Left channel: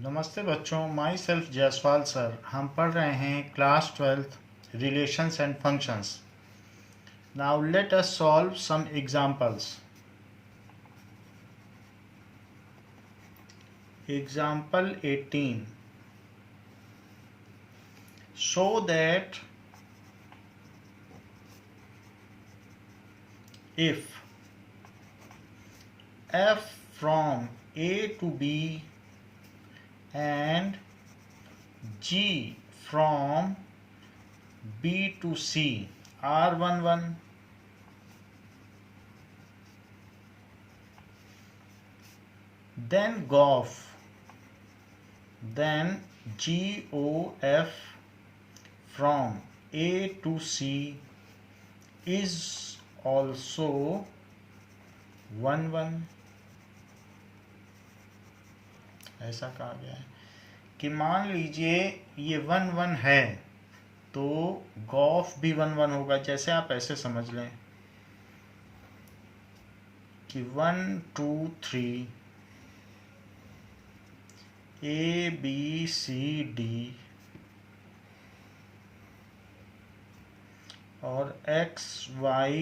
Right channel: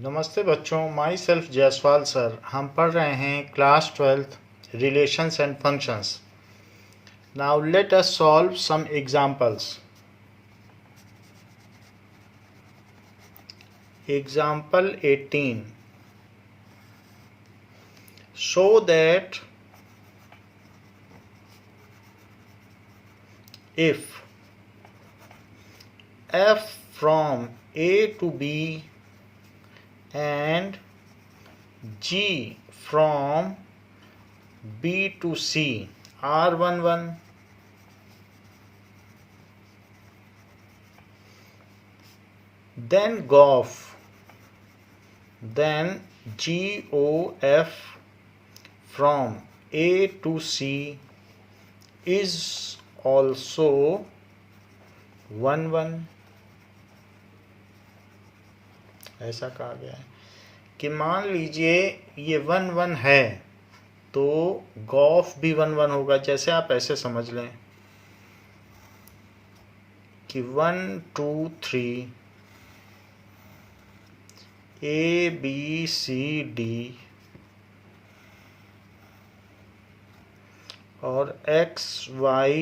नमस्ते बच्चों, my self Jaiswal sir. हम पढ़ रहे हैं class 12th relations and functions. Now let us solve some examples. Example 18, show that if f from a to b and g from b to c are 1 1, then GOF from A to C is also 1 1। ऐसा कहा गया है कि मान लीजिए ये 1 1 है तो गॉफ भी 1 1 होगा। जैसे आप ऐसे समझ लें कि 1 2 3 A B C D और X Y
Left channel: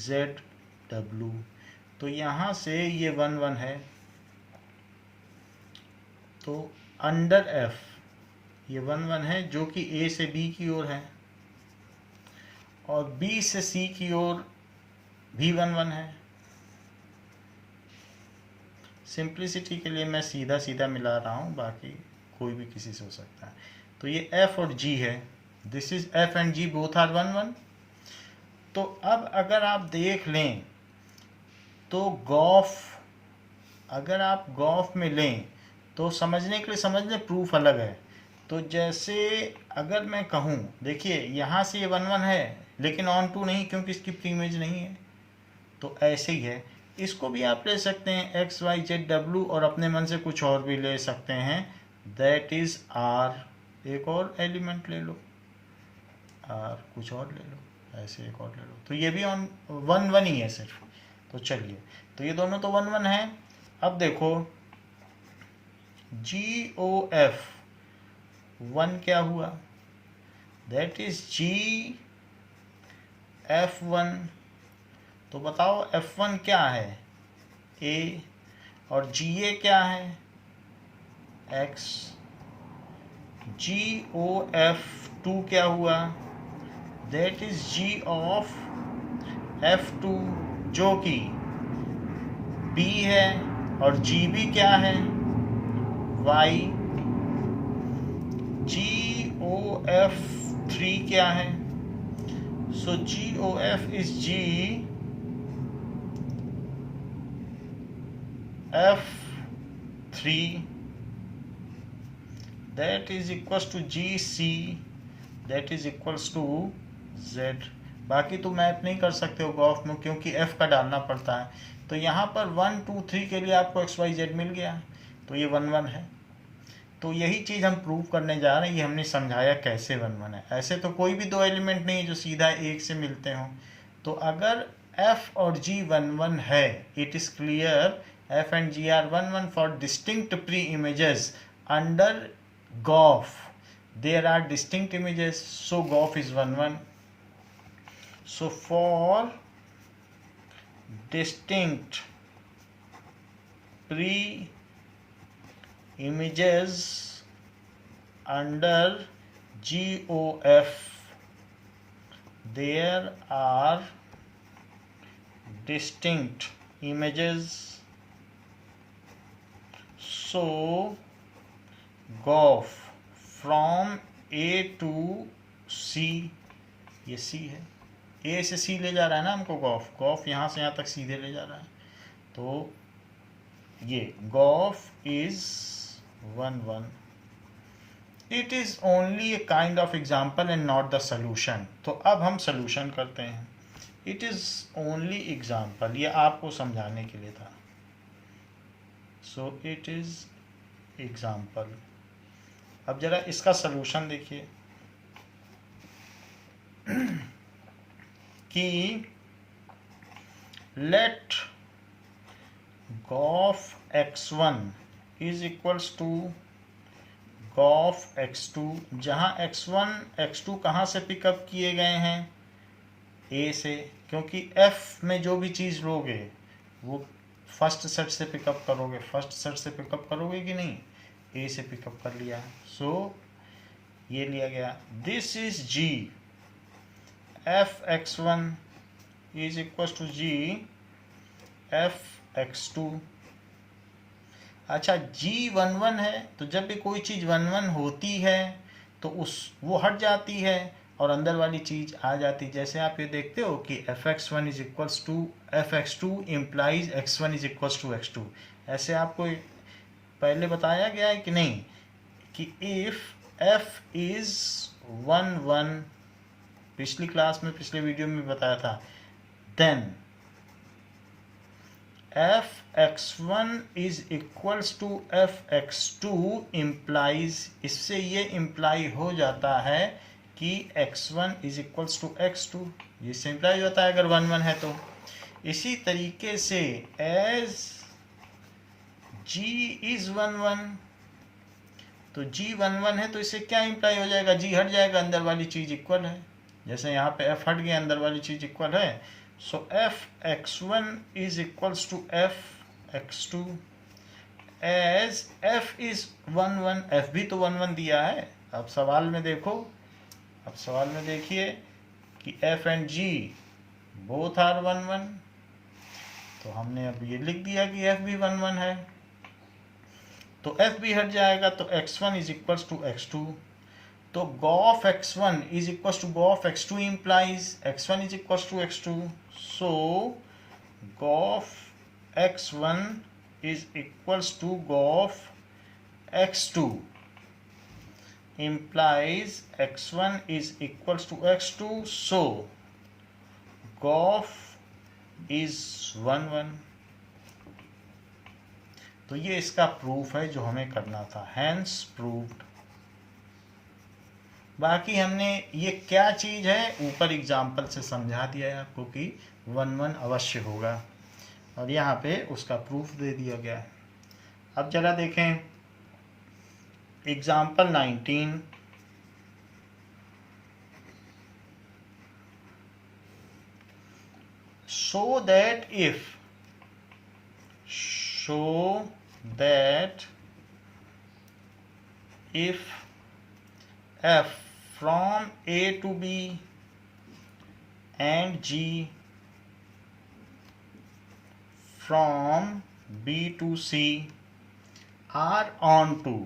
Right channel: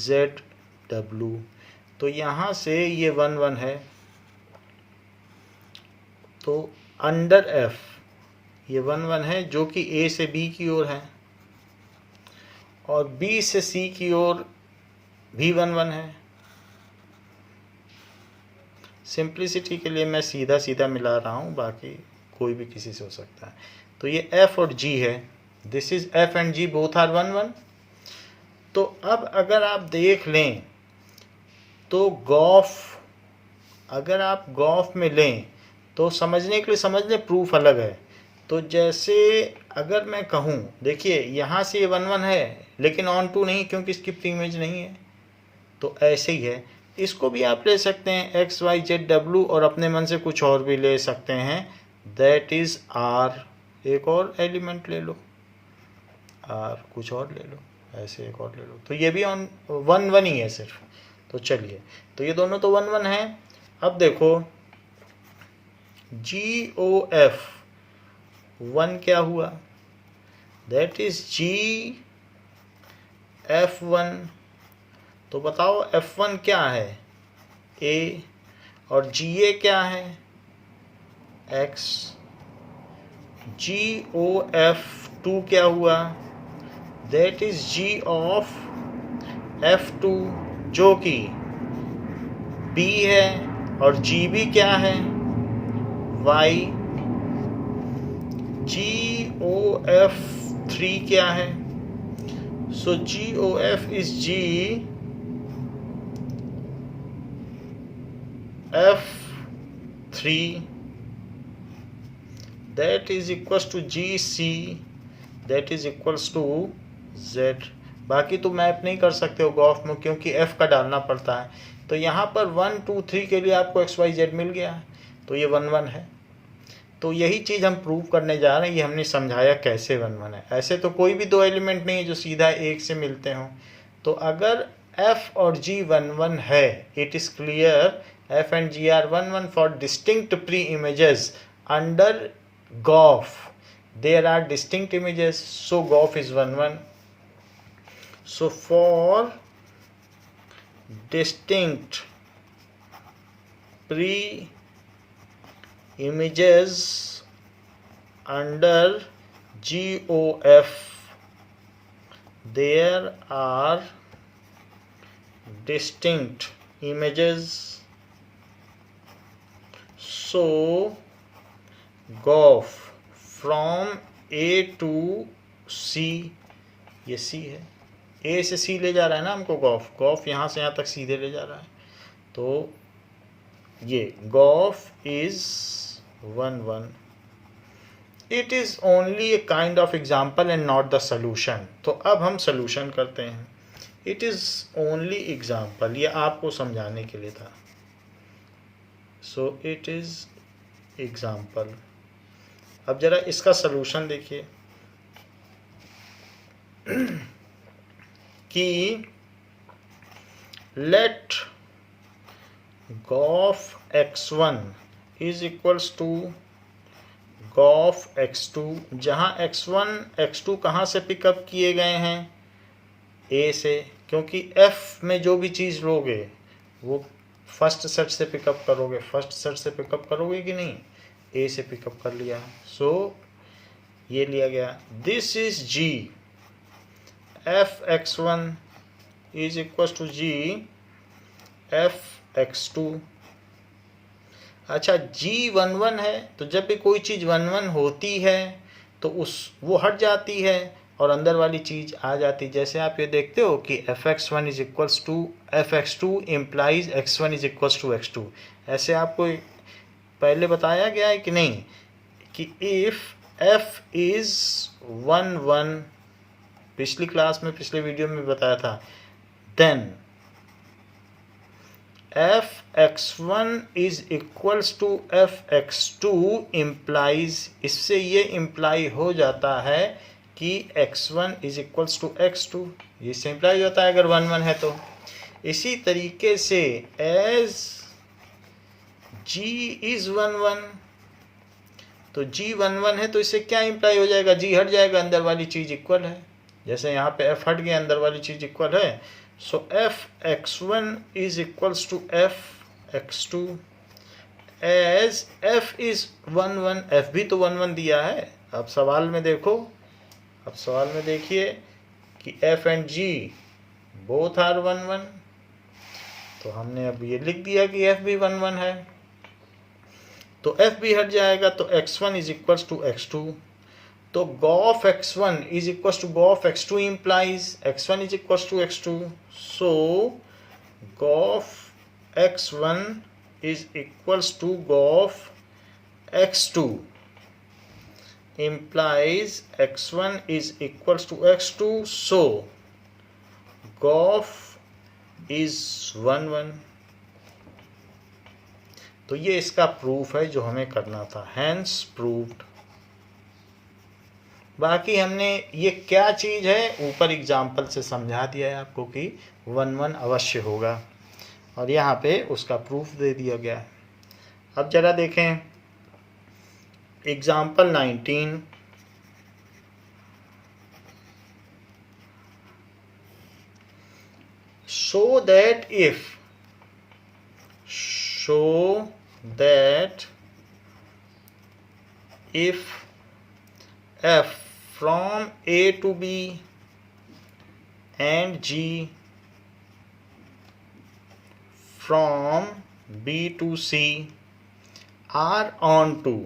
Z W, तो यहाँ से ये 1 1 है। तो अंडर F ये 1 1 है जो कि A से B की ओर है, और B से C की ओर भी 1 1 है। सिंप्लिसिटी के लिए मैं सीधा सीधा मिला रहा हूँ, बाकी कोई भी किसी से हो सकता है। तो ये F और G है। This is F and G both are 1 1। तो अब अगर आप देख लें तो गॉफ, अगर आप गॉफ में लें तो समझने के लिए समझ लें, प्रूफ अलग है। तो जैसे अगर मैं कहूँ, देखिए यहाँ से ये 1 1 है लेकिन ऑन टू नहीं, क्योंकि इसकी प्री इमेज नहीं है। तो ऐसे ही है, इसको भी आप ले सकते हैं एक्स वाई जेड डब्ल्यू, और अपने मन से कुछ और भी ले सकते हैं, दैट इज आर। एक और एलिमेंट ले लो, आर कुछ और ले लो, ऐसे एक और ले लो। तो ये भी ऑन 1 1 ही है सिर्फ। तो चलिए, तो ये दोनों तो 1 1 है। अब देखो जी ओ एफ 1 क्या हुआ, दैट इज जी एफ 1। तो बताओ F1 क्या है, A, और GA क्या है, X। GOF2 क्या हुआ, that is G of F2 जो कि B है, और GB क्या है, Y। GOF3 क्या है, so GOF is GF3, that is equals to GC, that is equals to Z। बाकी तो मैप नहीं कर सकते हो गॉफ में, क्योंकि F का डालना पड़ता है। तो यहाँ पर 1 2 3 के लिए आपको XYZ मिल गया, तो ये 1 1 है। तो यही चीज़ हम प्रूव करने जा रहे हैं। ये हमने समझाया कैसे 1 1 है। ऐसे तो कोई भी दो एलिमेंट नहीं है जो सीधा एक से मिलते हों। तो अगर F और G 1 1 है, it is clear F and G are 1 1 for distinct pre-images under GOF. There are distinct images, so GOF is 1 1. So for distinct pre-images under GOF, there are distinct images, so GOF from A to C, ये C है, A से C ले जा रहा है ना हमको Gauff, Gauff यहाँ से यहाँ तक सीधे ले जा रहा है। तो ये Gauff is 1 1। It is only a kind of example and not the solution. तो अब हम सोल्यूशन करते हैं। इट इज़ ओनली एग्जाम्पल, ये आपको समझाने के लिए था। So it is example. अब जरा इसका सोल्यूशन देखिए कि let GOF x1 is equals to g of x2, जहाँ x1 x2 कहाँ से पिकअप किए गए हैं, ए से, क्योंकि f में जो भी चीज़ लोगे वो फर्स्ट सेट से पिकअप करोगे, फर्स्ट सेट से पिकअप करोगे कि नहीं, ए से पिकअप कर लिया। सो ये लिया गया, this is g, f(x1) is equal to g f(x2). अच्छा, g11 है, तो जब भी कोई चीज़ 11 होती है तो वो हट जाती है और अंदर वाली चीज़ आ जाती है। जैसे आप ये देखते हो कि f(x1) is equals to f(x2) implies x1 is equals to x2। ऐसे आपको पहले बताया गया है कि नहीं, कि इफ़ f इज़ 1 पिछली क्लास में, पिछले वीडियो में बताया था, then f(x1) is equals to f(x2) implies, इससे ये इम्प्लाई हो जाता है कि x1 is equals to x2, ये इम्प्लाई होता है अगर 1 है तो। इसी तरीके से एज g इज 1, तो g 1 है तो इससे क्या इम्प्लाई हो जाएगा, g हट जाएगा, अंदर वाली चीज़ इक्वल है। जैसे यहाँ पे f हट गया, अंदर वाली चीज़ इक्वल है। So f(x1) is equals to f(x2) as f is 1, f भी तो 1 दिया है। अब सवाल में देखो, अब सवाल में देखिए कि f and g both are 1, तो हमने अब ये लिख दिया कि f भी 1 है, तो f भी हट जाएगा, तो x1 is equals to x2। तो g of x1 is equals to g of x2 implies x1 is equals to x2। So g of x1 is equals to g of x2 implies x1 is equals to x2, so gauf is 1. तो ये इसका proof है जो हमें करना था, hence proved। बाकी हमने ये क्या चीज़ है ऊपर एग्जाम्पल से समझा दिया है आपको कि 1 अवश्य होगा, और यहाँ पे उसका प्रूफ दे दिया गया है। अब जरा देखें example 19। show that if f from a to b and g from b to c are onto,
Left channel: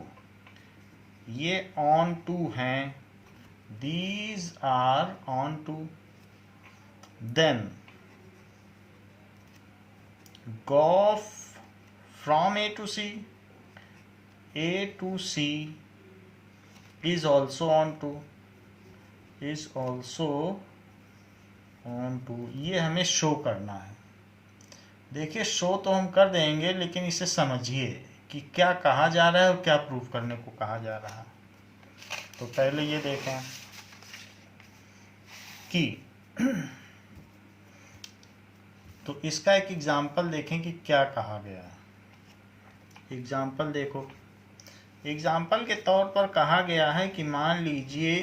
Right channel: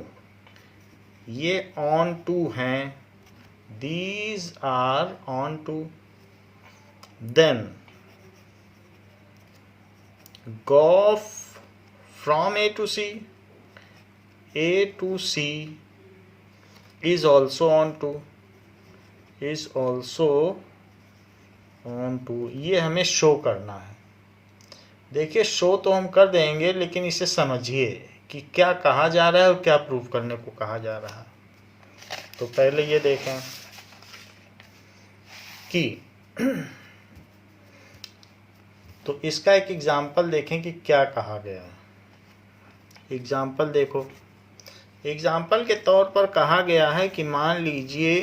ये onto हैं, these are onto, then gauf from a to c is also onto, ये हमें शो करना है। देखिए show तो हम कर देंगे, लेकिन इसे समझिए कि क्या कहा जा रहा है और क्या प्रूव करने को कहा जा रहा है। तो पहले ये देखें कि तो इसका एक एग्जाम्पल देखें कि क्या कहा गया है। एग्जाम्पल देखो, एग्जाम्पल के तौर पर कहा गया है कि मान लीजिए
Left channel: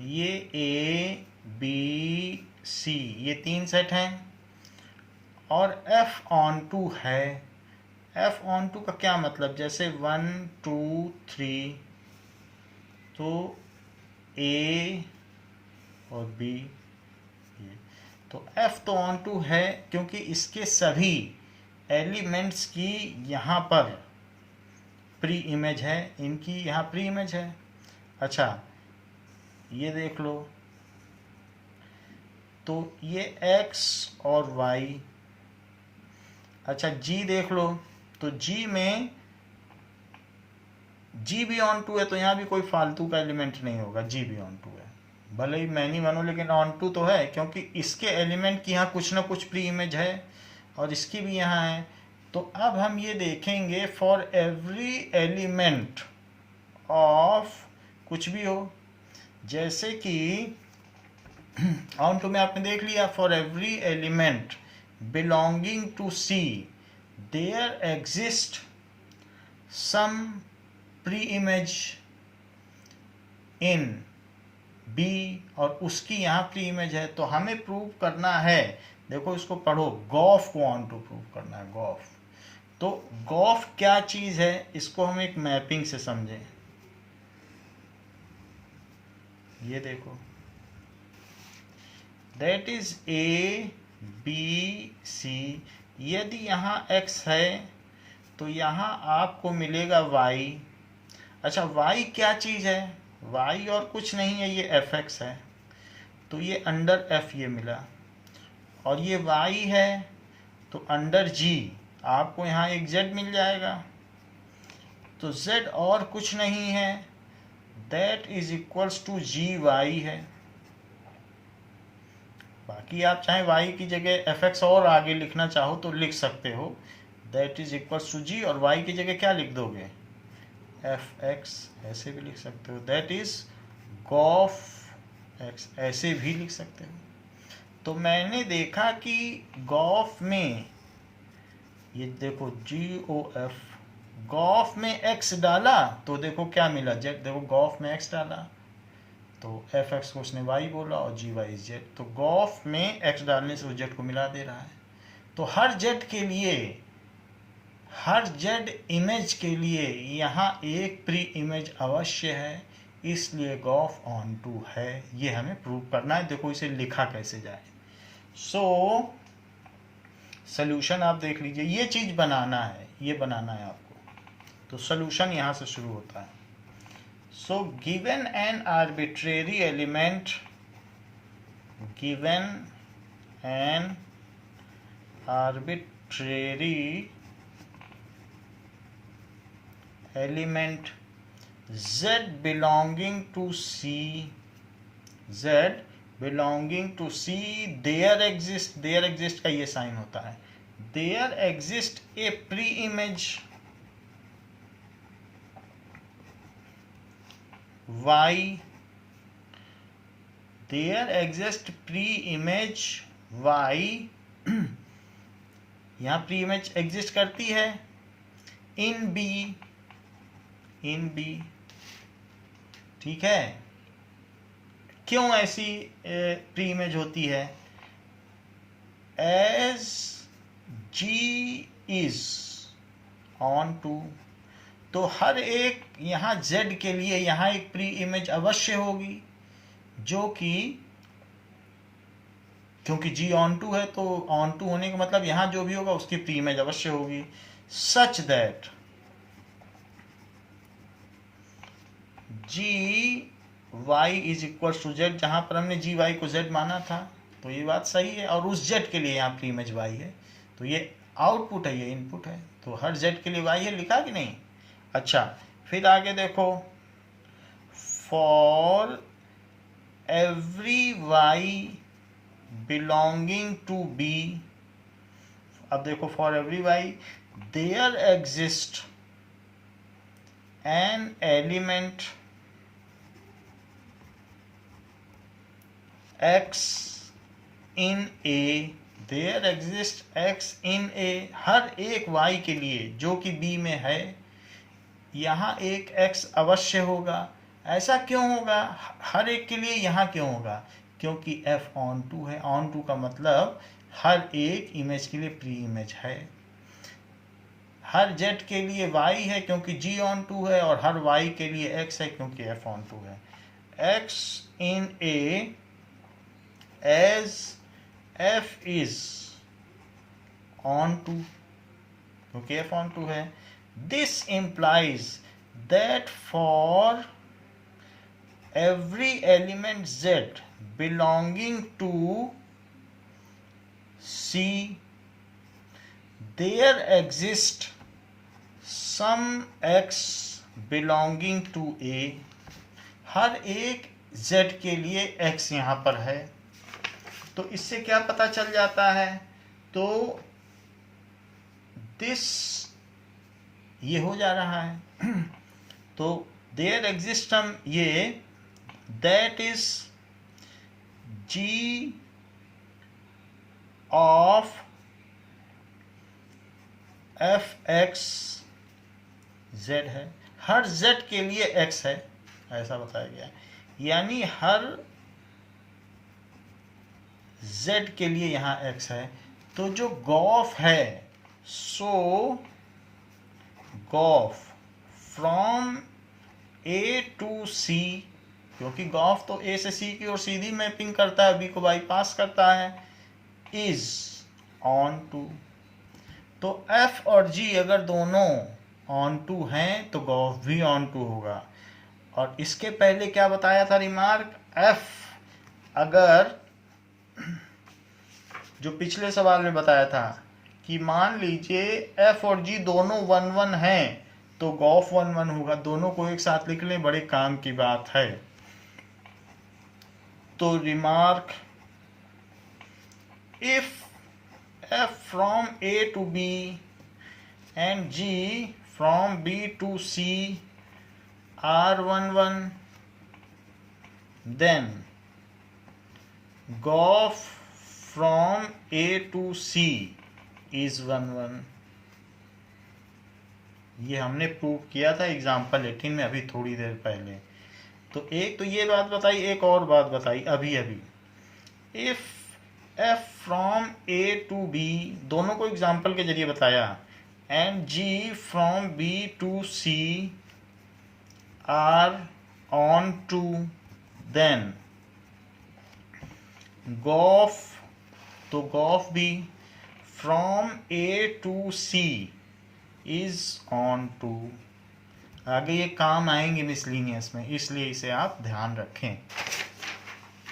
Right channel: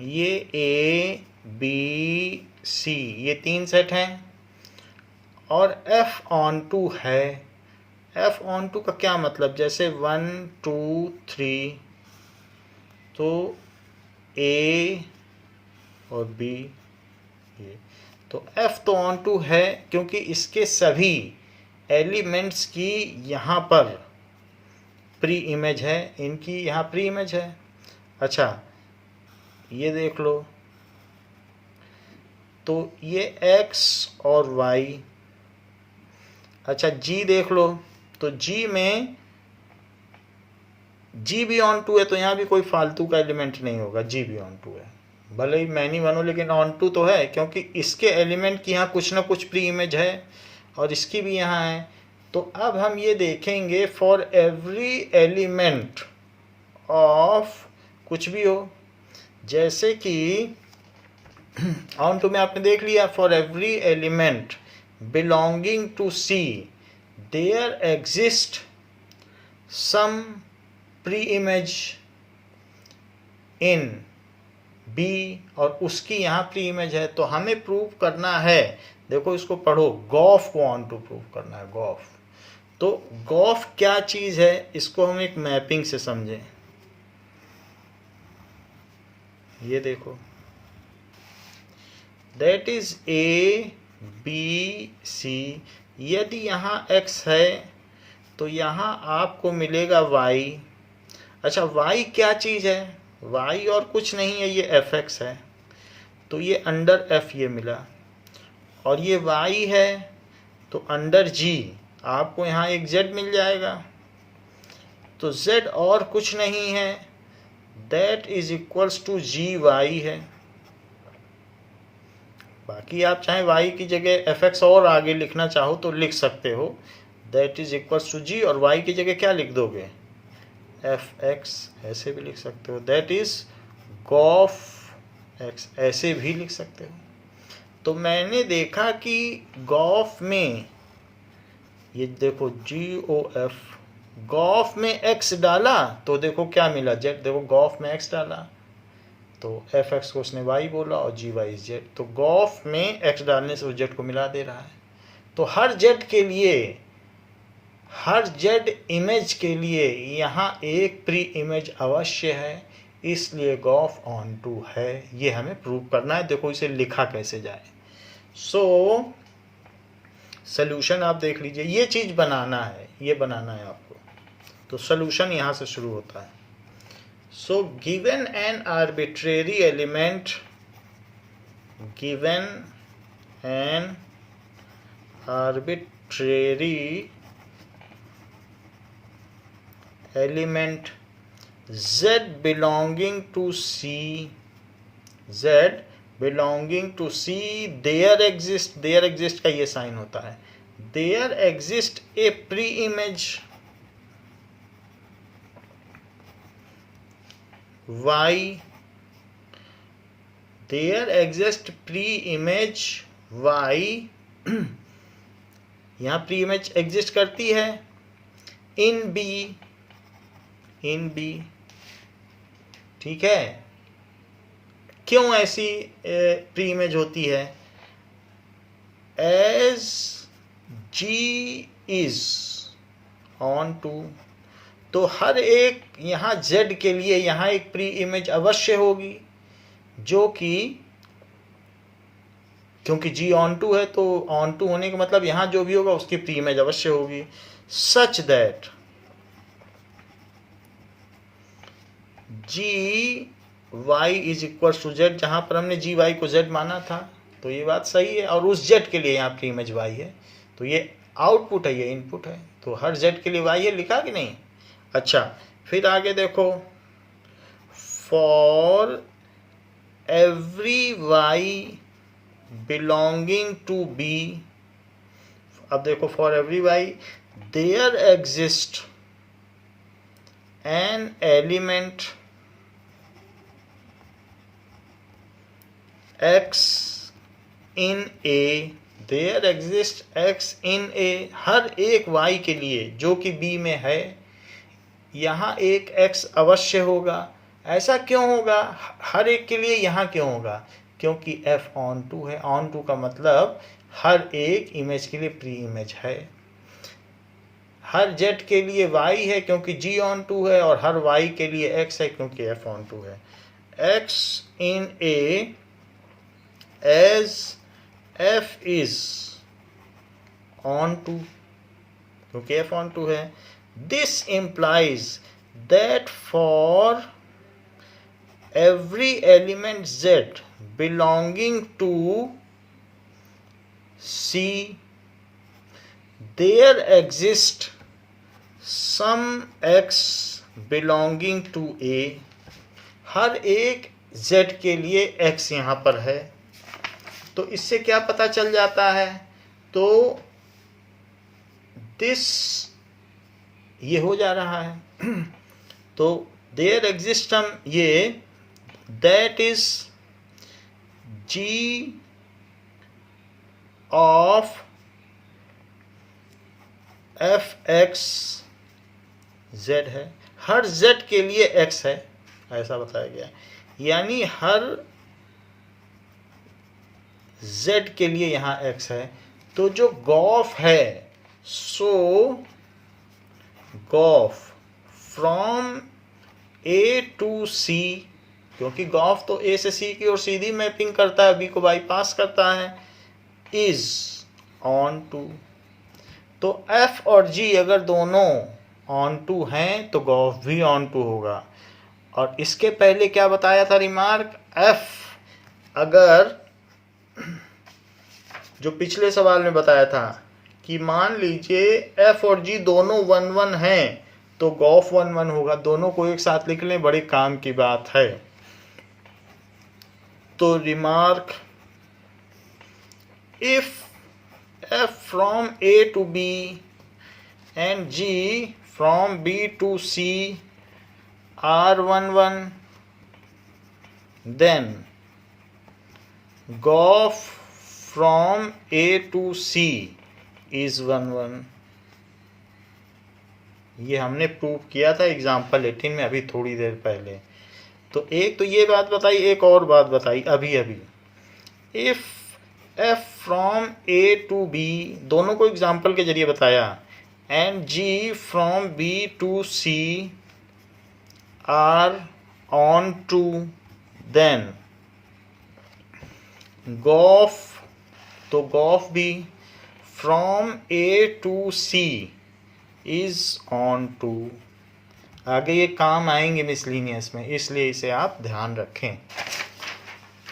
ये A B C ये 3 सेट हैं और F on 2 है। F on 2 का क्या मतलब, जैसे 1 2 3, तो A और B ये, तो F तो ऑन टू है क्योंकि इसके सभी एलिमेंट्स की यहाँ पर प्री इमेज है, इनकी यहाँ प्री इमेज है। अच्छा ये देख लो, तो ये X और Y। अच्छा G देख लो, तो G में G भी ऑन टू है, तो यहाँ भी कोई फालतू का एलिमेंट नहीं होगा, G भी ऑन टू है, भले ही मैनी बनो लेकिन ऑन टू तो है, क्योंकि इसके एलिमेंट की यहाँ कुछ ना कुछ प्री इमेज है और इसकी भी यहाँ है। तो अब हम ये देखेंगे फॉर एवरी एलिमेंट ऑफ कुछ भी हो, जैसे कि ऑन टू में आपने देख लिया for every element belonging to C there exist some pre image in B और उसकी यहाँ प्री इमेज है, तो हमें प्रूव करना है, देखो इसको पढ़ो, गॉफ को ऑन टू प्रूव करना है, गॉफ। तो गॉफ क्या चीज़ है, इसको हम एक मैपिंग से समझें। ये देखो, that is A B C. यदि यहाँ x है तो यहाँ आपको मिलेगा y। अच्छा, y क्या चीज़ है, y और कुछ नहीं है, ये fx है, तो ये अंडर f ये मिला, और ये y है तो अंडर g आपको यहाँ एक z मिल जाएगा। तो z और कुछ नहीं है, that is equals to g y है। बाकी आप चाहे y की जगह fx और आगे लिखना चाहो तो लिख सकते हो, दैट इज इक्वल्स टू जी, और y की जगह क्या लिख दोगे, fx, ऐसे भी लिख सकते हो, दैट इज गॉफ x, ऐसे भी लिख सकते हो। तो मैंने देखा कि गॉफ में, ये देखो GOF, गॉफ में x डाला तो देखो क्या मिला, z। देखो गॉफ में x डाला तो fx को उसने y बोला और gy z, तो गॉफ में x डालने से उस z को मिला दे रहा है। तो हर z के लिए, हर z इमेज के लिए यहाँ एक प्री इमेज अवश्य है, इसलिए गॉफ ऑन टू है। ये हमें प्रूव करना है। देखो इसे लिखा कैसे जाए। सो सॉल्यूशन आप देख लीजिए, ये चीज़ बनाना है, ये बनाना है आपको। तो सॉल्यूशन यहाँ से शुरू होता है। So given an arbitrary element, given an arbitrary element z belonging to C, z belonging to C, there exist का ये साइन होता है, there exist a pre-image y, there exist pre-image y, यहाँ pre-image exist करती है in B, in B, ठीक है। क्यों ऐसी प्री इमेज होती है, as g is onto, तो हर एक यहाँ z के लिए यहाँ एक प्री इमेज अवश्य होगी, जो कि क्योंकि g ऑन टू है तो ऑन टू होने का मतलब यहाँ जो भी होगा उसकी प्री इमेज अवश्य होगी, such that g y is equal to z, जहाँ पर हमने जी वाई को जेड माना था, तो ये बात सही है, और उस जेड के लिए यहाँ प्री इमेज वाई है, तो ये आउटपुट है, ये इनपुट है, तो हर जेड के लिए वाई है, लिखा कि नहीं। अच्छा, फिर आगे देखो, for every y belonging to B, अब देखो for every y there exist an element x in A, there exists x in A, हर एक y के लिए जो कि B में है यहाँ एक x अवश्य होगा। ऐसा क्यों होगा, हर एक के लिए यहाँ क्यों होगा, क्योंकि f ऑन टू है। ऑन टू का मतलब हर एक इमेज के लिए प्री इमेज है। हर z के लिए y है क्योंकि g ऑन टू है, और हर y के लिए x है क्योंकि f ऑन टू है। x in A as f is on to, क्योंकि f on to है। This implies that for every element z belonging to C, there exists some x belonging to A, हर एक z के लिए x यहाँ पर है। तो इससे क्या पता चल जाता है, तो दिस ये हो जा रहा है तो देयर एग्जिस्टम ये that is g of f x z है, हर जेड के लिए एक्स है, ऐसा बताया गया। यानी हर जेड के लिए यहाँ एक्स है। तो जो गॉफ है, सो गॉफ फ्रॉम ए टू सी, क्योंकि गॉफ तो ए से सी की ओर सीधी मैपिंग करता है, बी को बाईपास करता है, इज ऑन टू। तो एफ और जी अगर दोनों ऑन टू हैं तो गॉफ भी ऑन टू होगा। और इसके पहले क्या बताया था रिमार्क, एफ अगर जो पिछले सवाल में बताया था कि मान लीजिए एफ और जी दोनों 1-1 हैं तो गॉफ 1-1 होगा। दोनों को एक साथ लिख लें, बड़े काम की बात है। तो remark, if f from A to B and g from B to C are 1-1, then gof from A to C is 1-1। ये हमने प्रूव किया था एग्जाम्पल 18 में अभी थोड़ी देर पहले। तो एक तो ये बात बताई, एक और बात बताई अभी अभी, if f from A to B, दोनों को एग्जाम्पल के जरिए बताया, and g from B to C are onto, then gof, तो गॉफ भी from A to C is onto. आगे ये काम आएंगे मिसलिनियस में, इसलिए इसे आप ध्यान रखें।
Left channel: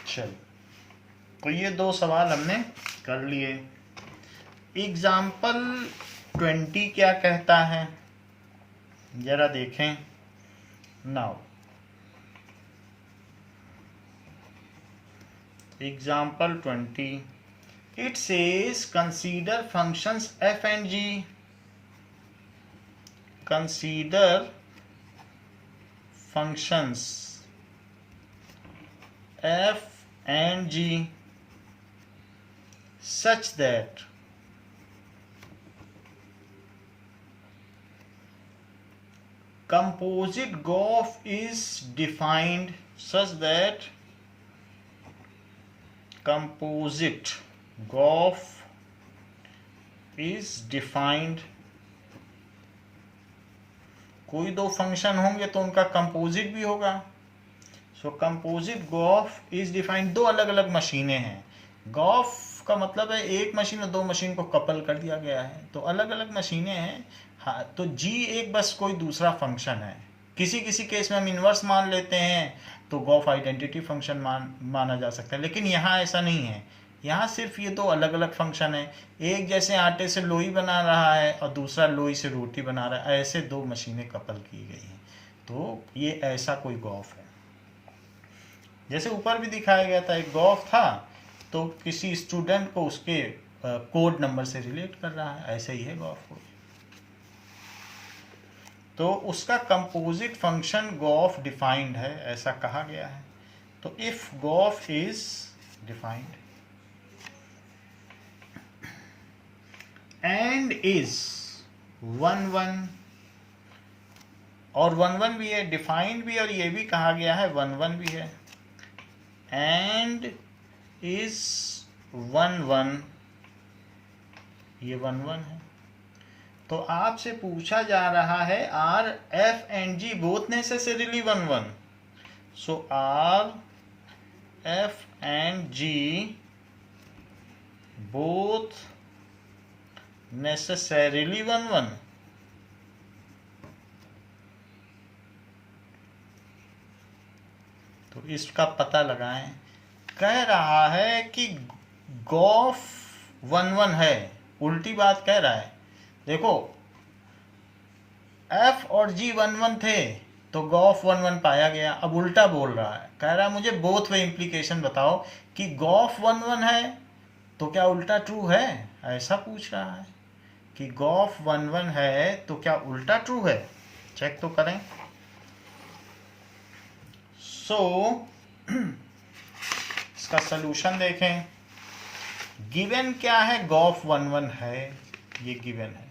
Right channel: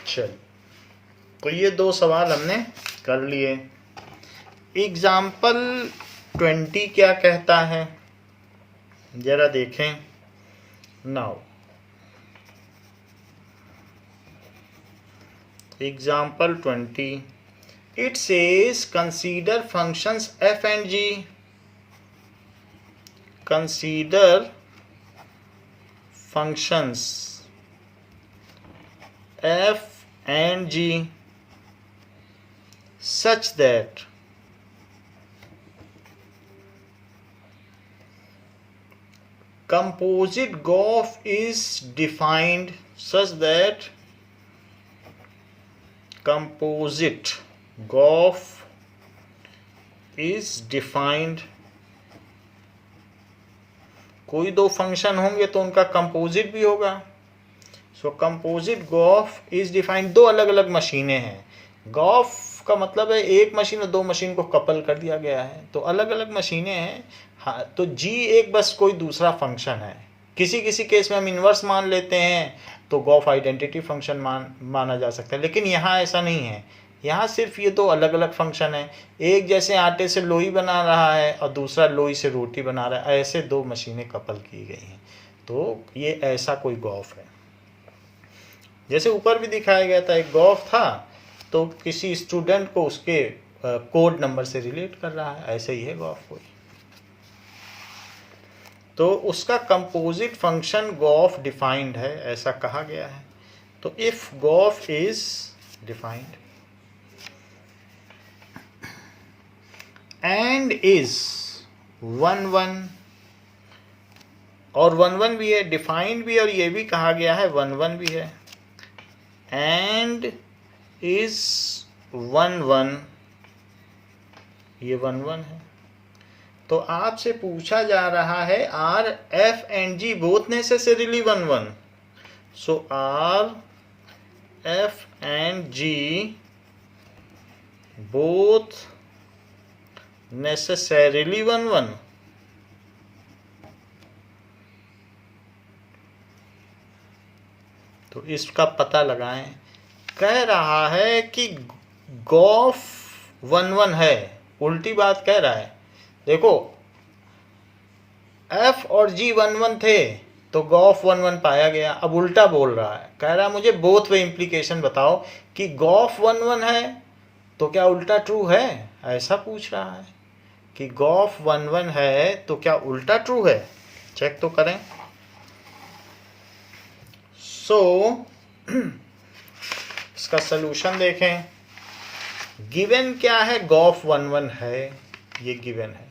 चल, तो ये दो सवाल हमने कर लिए। एग्जाम्पल 20 क्या कहता है जरा देखें। Now example 20, it says consider functions f and g, consider functions f and g such that composite gauge is defined, such that composite gauge is defined। कोई दो फंक्शन होंगे तो उनका कंपोजिट भी होगा। सो कंपोजिट गॉफ इज डिफाइंड। दो अलग अलग मशीनें हैं। गॉफ का मतलब है एक मशीन और दो मशीन को कपल कर दिया गया है, तो अलग अलग मशीनें हैं। हाँ, तो जी एक बस कोई दूसरा फंक्शन है। किसी किसी केस में हम इन्वर्स मान लेते हैं तो गॉफ आइडेंटिटी फंक्शन माना जा सकता है, लेकिन यहाँ ऐसा नहीं है। यहाँ सिर्फ ये दो अलग अलग फंक्शन है। एक जैसे आटे से लोई बना रहा है और दूसरा लोई से रोटी बना रहा है, ऐसे दो मशीनें कपल की गई हैं, तो ये ऐसा कोई गॉफ है। जैसे ऊपर भी दिखाया गया था, एक गॉफ था तो किसी स्टूडेंट को उसके कोड नंबर से रिलेट कर रहा है, ऐसे ही है गॉफ कोई। तो उसका कंपोजिट फंक्शन गॉफ डिफाइंड है, ऐसा कहा गया है। तो if Gauff is defined and is 1-1, और 1-1 भी है, डिफाइंड भी, और ये भी कहा गया है 1-1 भी है, एंड इज 1-1, ये 1-1 है। तो आपसे पूछा जा रहा है are f and g both necessarily 1-1। So are f and g both necessarily 1-1। तो इसका पता लगाएं। कह रहा है कि गॉफ 1-1 है, उल्टी बात कह रहा है। देखो एफ और जी 1-1 थे तो गॉफ 1-1 पाया गया। अब उल्टा बोल रहा है, कह रहा है मुझे बोथ वे इम्प्लीकेशन बताओ कि गॉफ 1-1 है तो क्या उल्टा ट्रू है, ऐसा पूछ रहा है कि गॉफ 1-1 है तो क्या उल्टा ट्रू है। चेक तो करें। सो इसका सलूशन देखें। गिवन क्या है, गॉफ 1-1 है, ये गिवन है।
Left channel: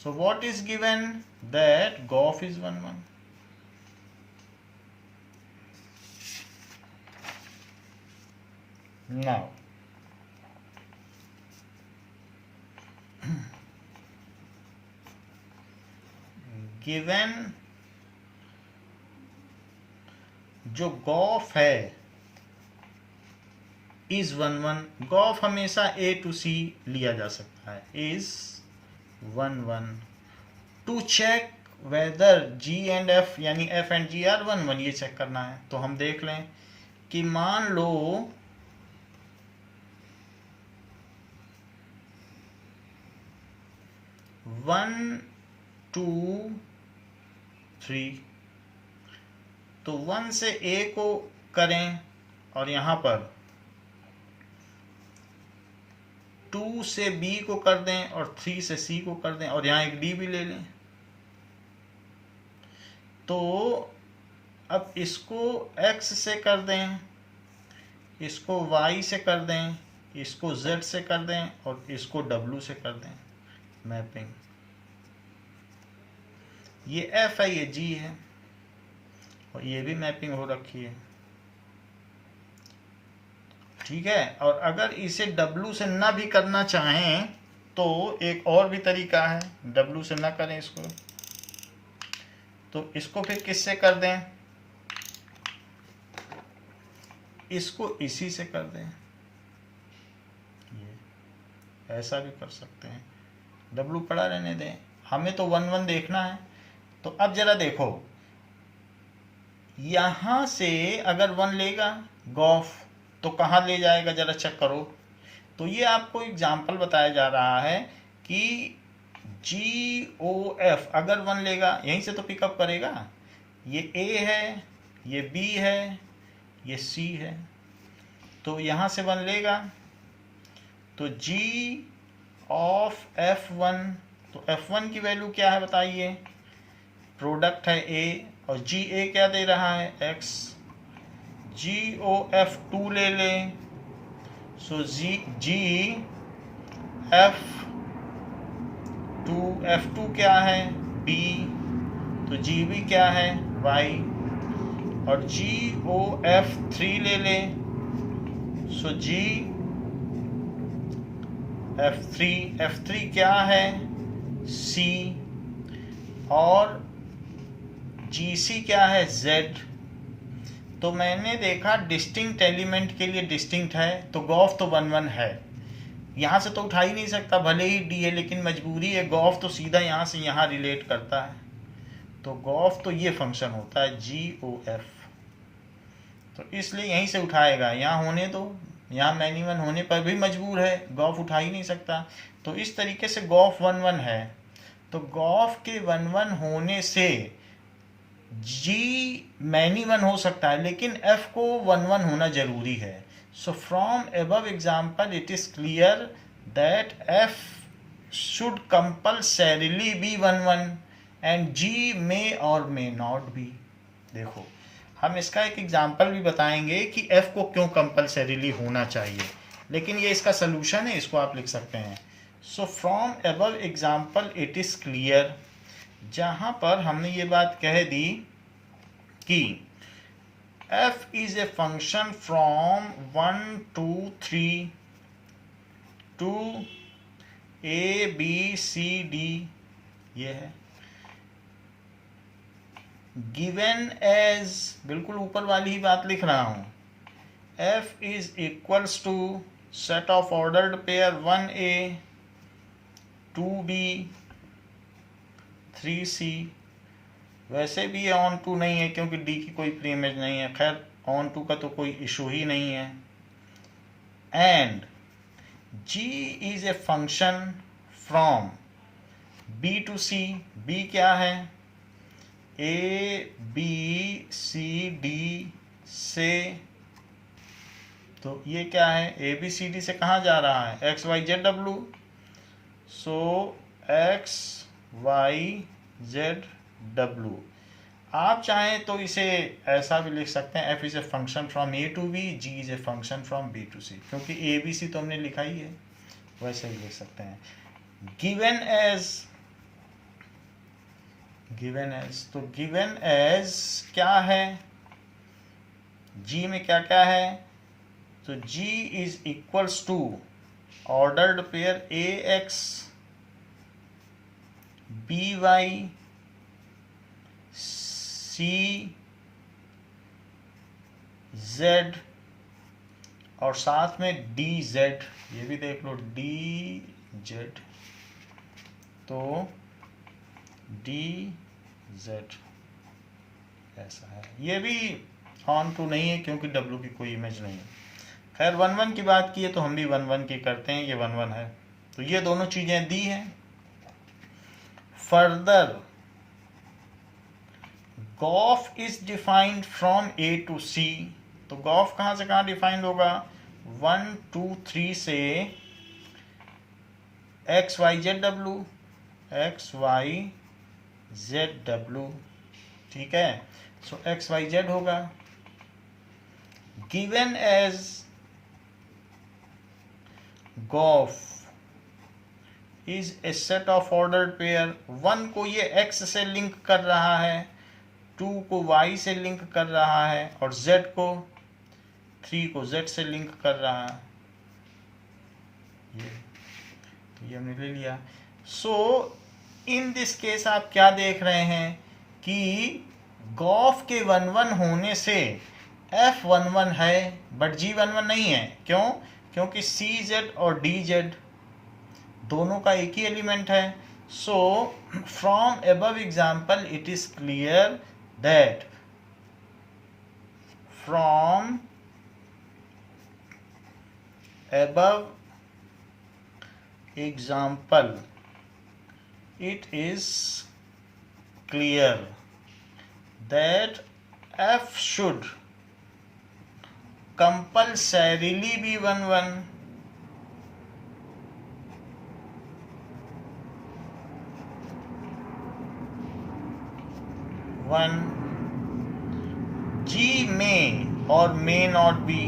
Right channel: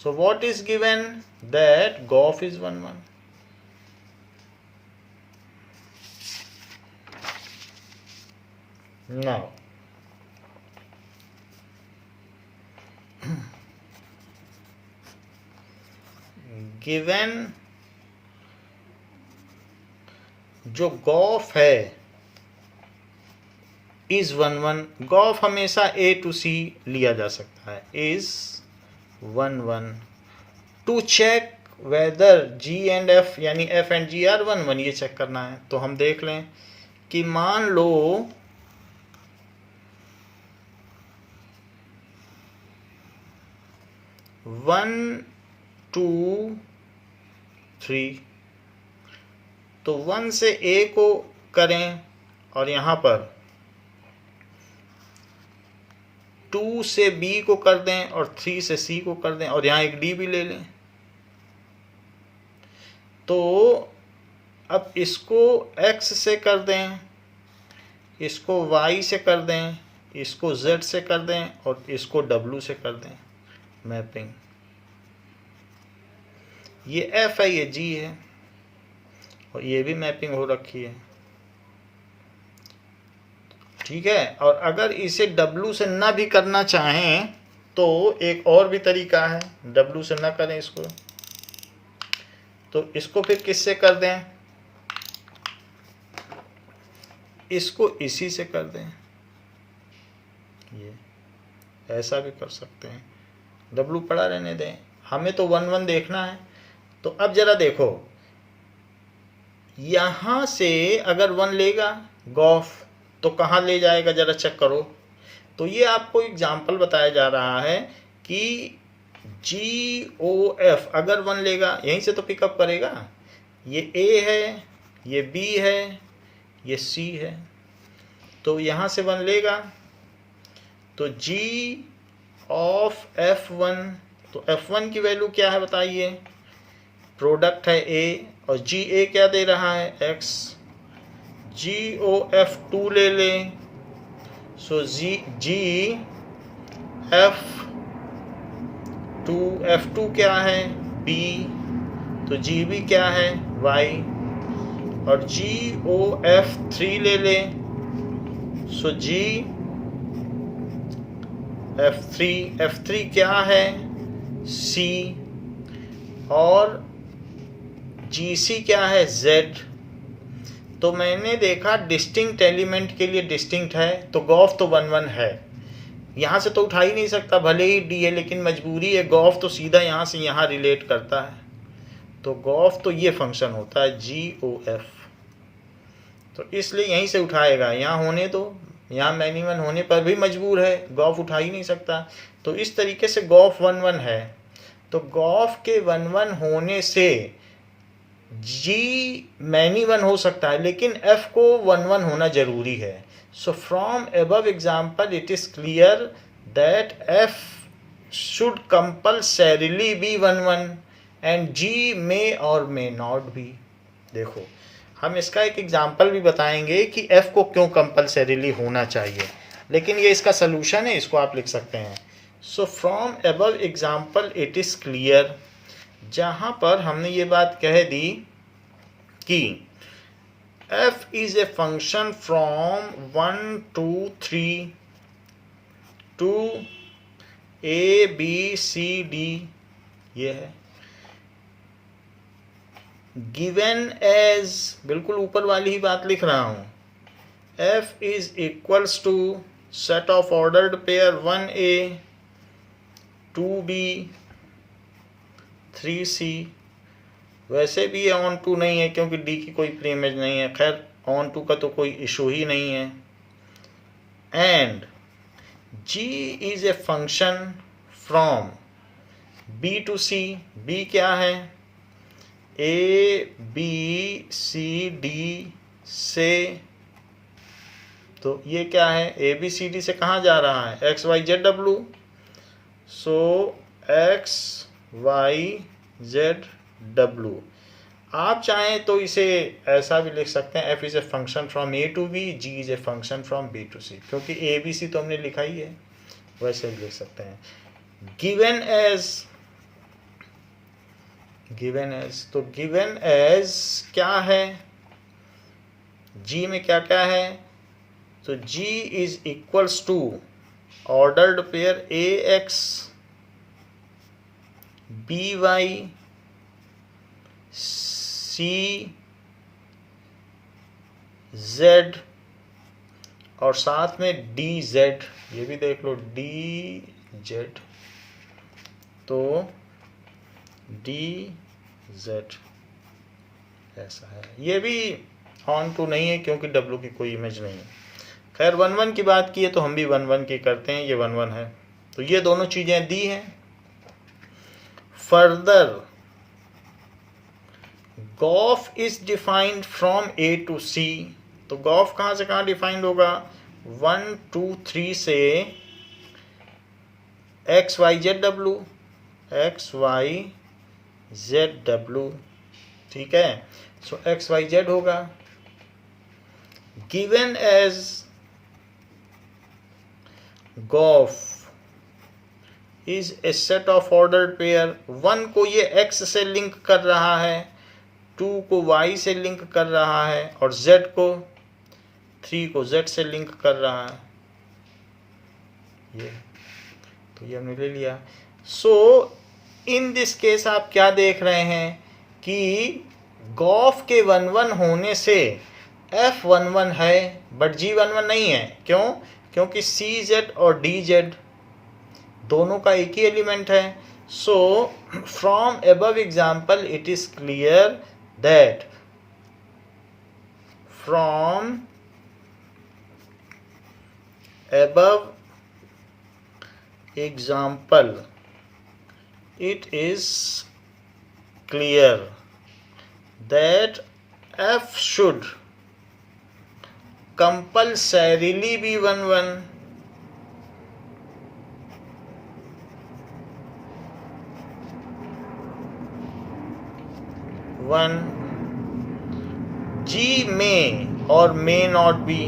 So what is given? That golf is 1-1. Now given जो golf है is 1-1. golf हमेशा A to C लिया जा सकता है. is 1-1. To check whether G and F यानी F एंड G आर 1-1, ये चेक करना है. तो हम देख लें कि मान लो 1 2 3, तो 1 से A को करें और यहाँ पर 2 से B को कर दें और 3 से C को कर दें और यहाँ एक D भी ले लें. तो अब इसको X से कर दें, इसको Y से कर दें, इसको Z से कर दें और इसको W से कर दें. मैपिंग, ये F है, ये G है और ये भी मैपिंग हो रखी है. ठीक है. और अगर इसे W से ना भी करना चाहें तो एक और भी तरीका है. W से ना करें इसको तो इसको फिर किससे कर दें? इसको इसी से कर दें. ये ऐसा भी कर सकते हैं. W पड़ा रहने दें, हमें तो 1-1 देखना है. तो अब जरा देखो, यहां से अगर 1 लेगा golf तो कहाँ ले जाएगा, जरा चेक करो. तो ये आपको एग्जाम्पल बताया जा रहा है कि GOF अगर 1 लेगा यहीं से तो पिकअप करेगा. ये A है, ये B है, ये C है. तो यहाँ से 1 लेगा तो G ऑफ F1, तो F1 की वैल्यू क्या है बताइए? प्रोडक्ट है A और GA क्या दे रहा है? X. GOF2 ले लें. सो F2 क्या है? B. तो GB क्या है? Y. और GOF3 ले लें. सो F3 क्या है? C. और GC क्या है? Z. तो मैंने देखा डिस्टिंक्ट एलिमेंट के लिए डिस्टिंक्ट है, तो golf तो 1-1 है. यहाँ से तो उठा ही नहीं सकता, भले ही D है, लेकिन मजबूरी है. golf तो सीधा यहाँ से यहाँ रिलेट करता है. तो golf तो ये फंक्शन होता है GOF. तो इसलिए यहीं से उठाएगा. यहाँ होने दो, यहाँ मैनिमन होने पर भी मजबूर है, golf उठा ही नहीं सकता. तो इस तरीके से golf 1-1 है. तो golf के 1-1 होने से G मैनी 1 हो सकता है, लेकिन F को 1-1 होना जरूरी है. So from above example it is clear that F should compulsorily be 1-1 and G may और मे नॉट बी. देखो, हम इसका एक एग्जाम्पल भी बताएंगे कि F को क्यों कंपल्सरीली होना चाहिए, लेकिन ये इसका सलूशन है, इसको आप लिख सकते हैं. So from above example it is clear, जहां पर हमने ये बात कह दी कि F is a function from 1 2 3 to A B C D, ये है गिवन एज, बिल्कुल ऊपर वाली ही बात लिख रहा हूं. F is equals to set of ordered pair 1A 2B 3C. वैसे भी ये ऑन टू नहीं है क्योंकि D की कोई प्री इमेज नहीं है. खैर, ऑन टू का तो कोई इशू ही नहीं है. And G is a function from B to C. B क्या है? A B C D से. तो ये क्या है? A B C D से कहाँ जा रहा है? X Y Z W. सो X Y Z W. आप चाहें तो इसे ऐसा भी लिख सकते हैं, F is a function from A to B, G is a function from B to C, क्योंकि A B C तो हमने लिखा ही है, वैसे भी लिख सकते हैं. गिवन एज गिवन एज, तो गिवन एज क्या है, जी में क्या क्या है, तो G is equals to ordered pair A X B Y C Z और साथ में डी जेड, ये भी देख लो डी जेड, तो डी जेड ऐसा है। ये भी ऑन टू नहीं है क्योंकि डब्लू की कोई इमेज नहीं है। खैर 1 1 की बात की है तो हम भी 1 1 की करते हैं, ये 1 1 है, तो ये दोनों चीजें दी हैं। Further gof is defined from A to C, तो गॉफ कहाँ से कहाँ डिफाइंड होगा, 1 2 3 से एक्स वाई जेड डब्लू, एक्स वाई जेड डब्लू, ठीक है। सो एक्स वाई जेड होगा। Given as gof is a set of ordered pair, 1 को ये x से लिंक कर रहा है, 2 को y से लिंक कर रहा है और z को 3 को z से लिंक कर रहा है, ये तो ये हमने ले लिया। सो इन दिस केस आप क्या देख रहे हैं कि गॉफ के 1 1 होने से f 1 1 है बट g 1 1 नहीं है। क्यों? क्योंकि सी जेड और डी जेड दोनों का एक ही एलिमेंट है। So from above example it is clear that from above example it is clear that f should compulsorily be 1 1 1 g may और may not be,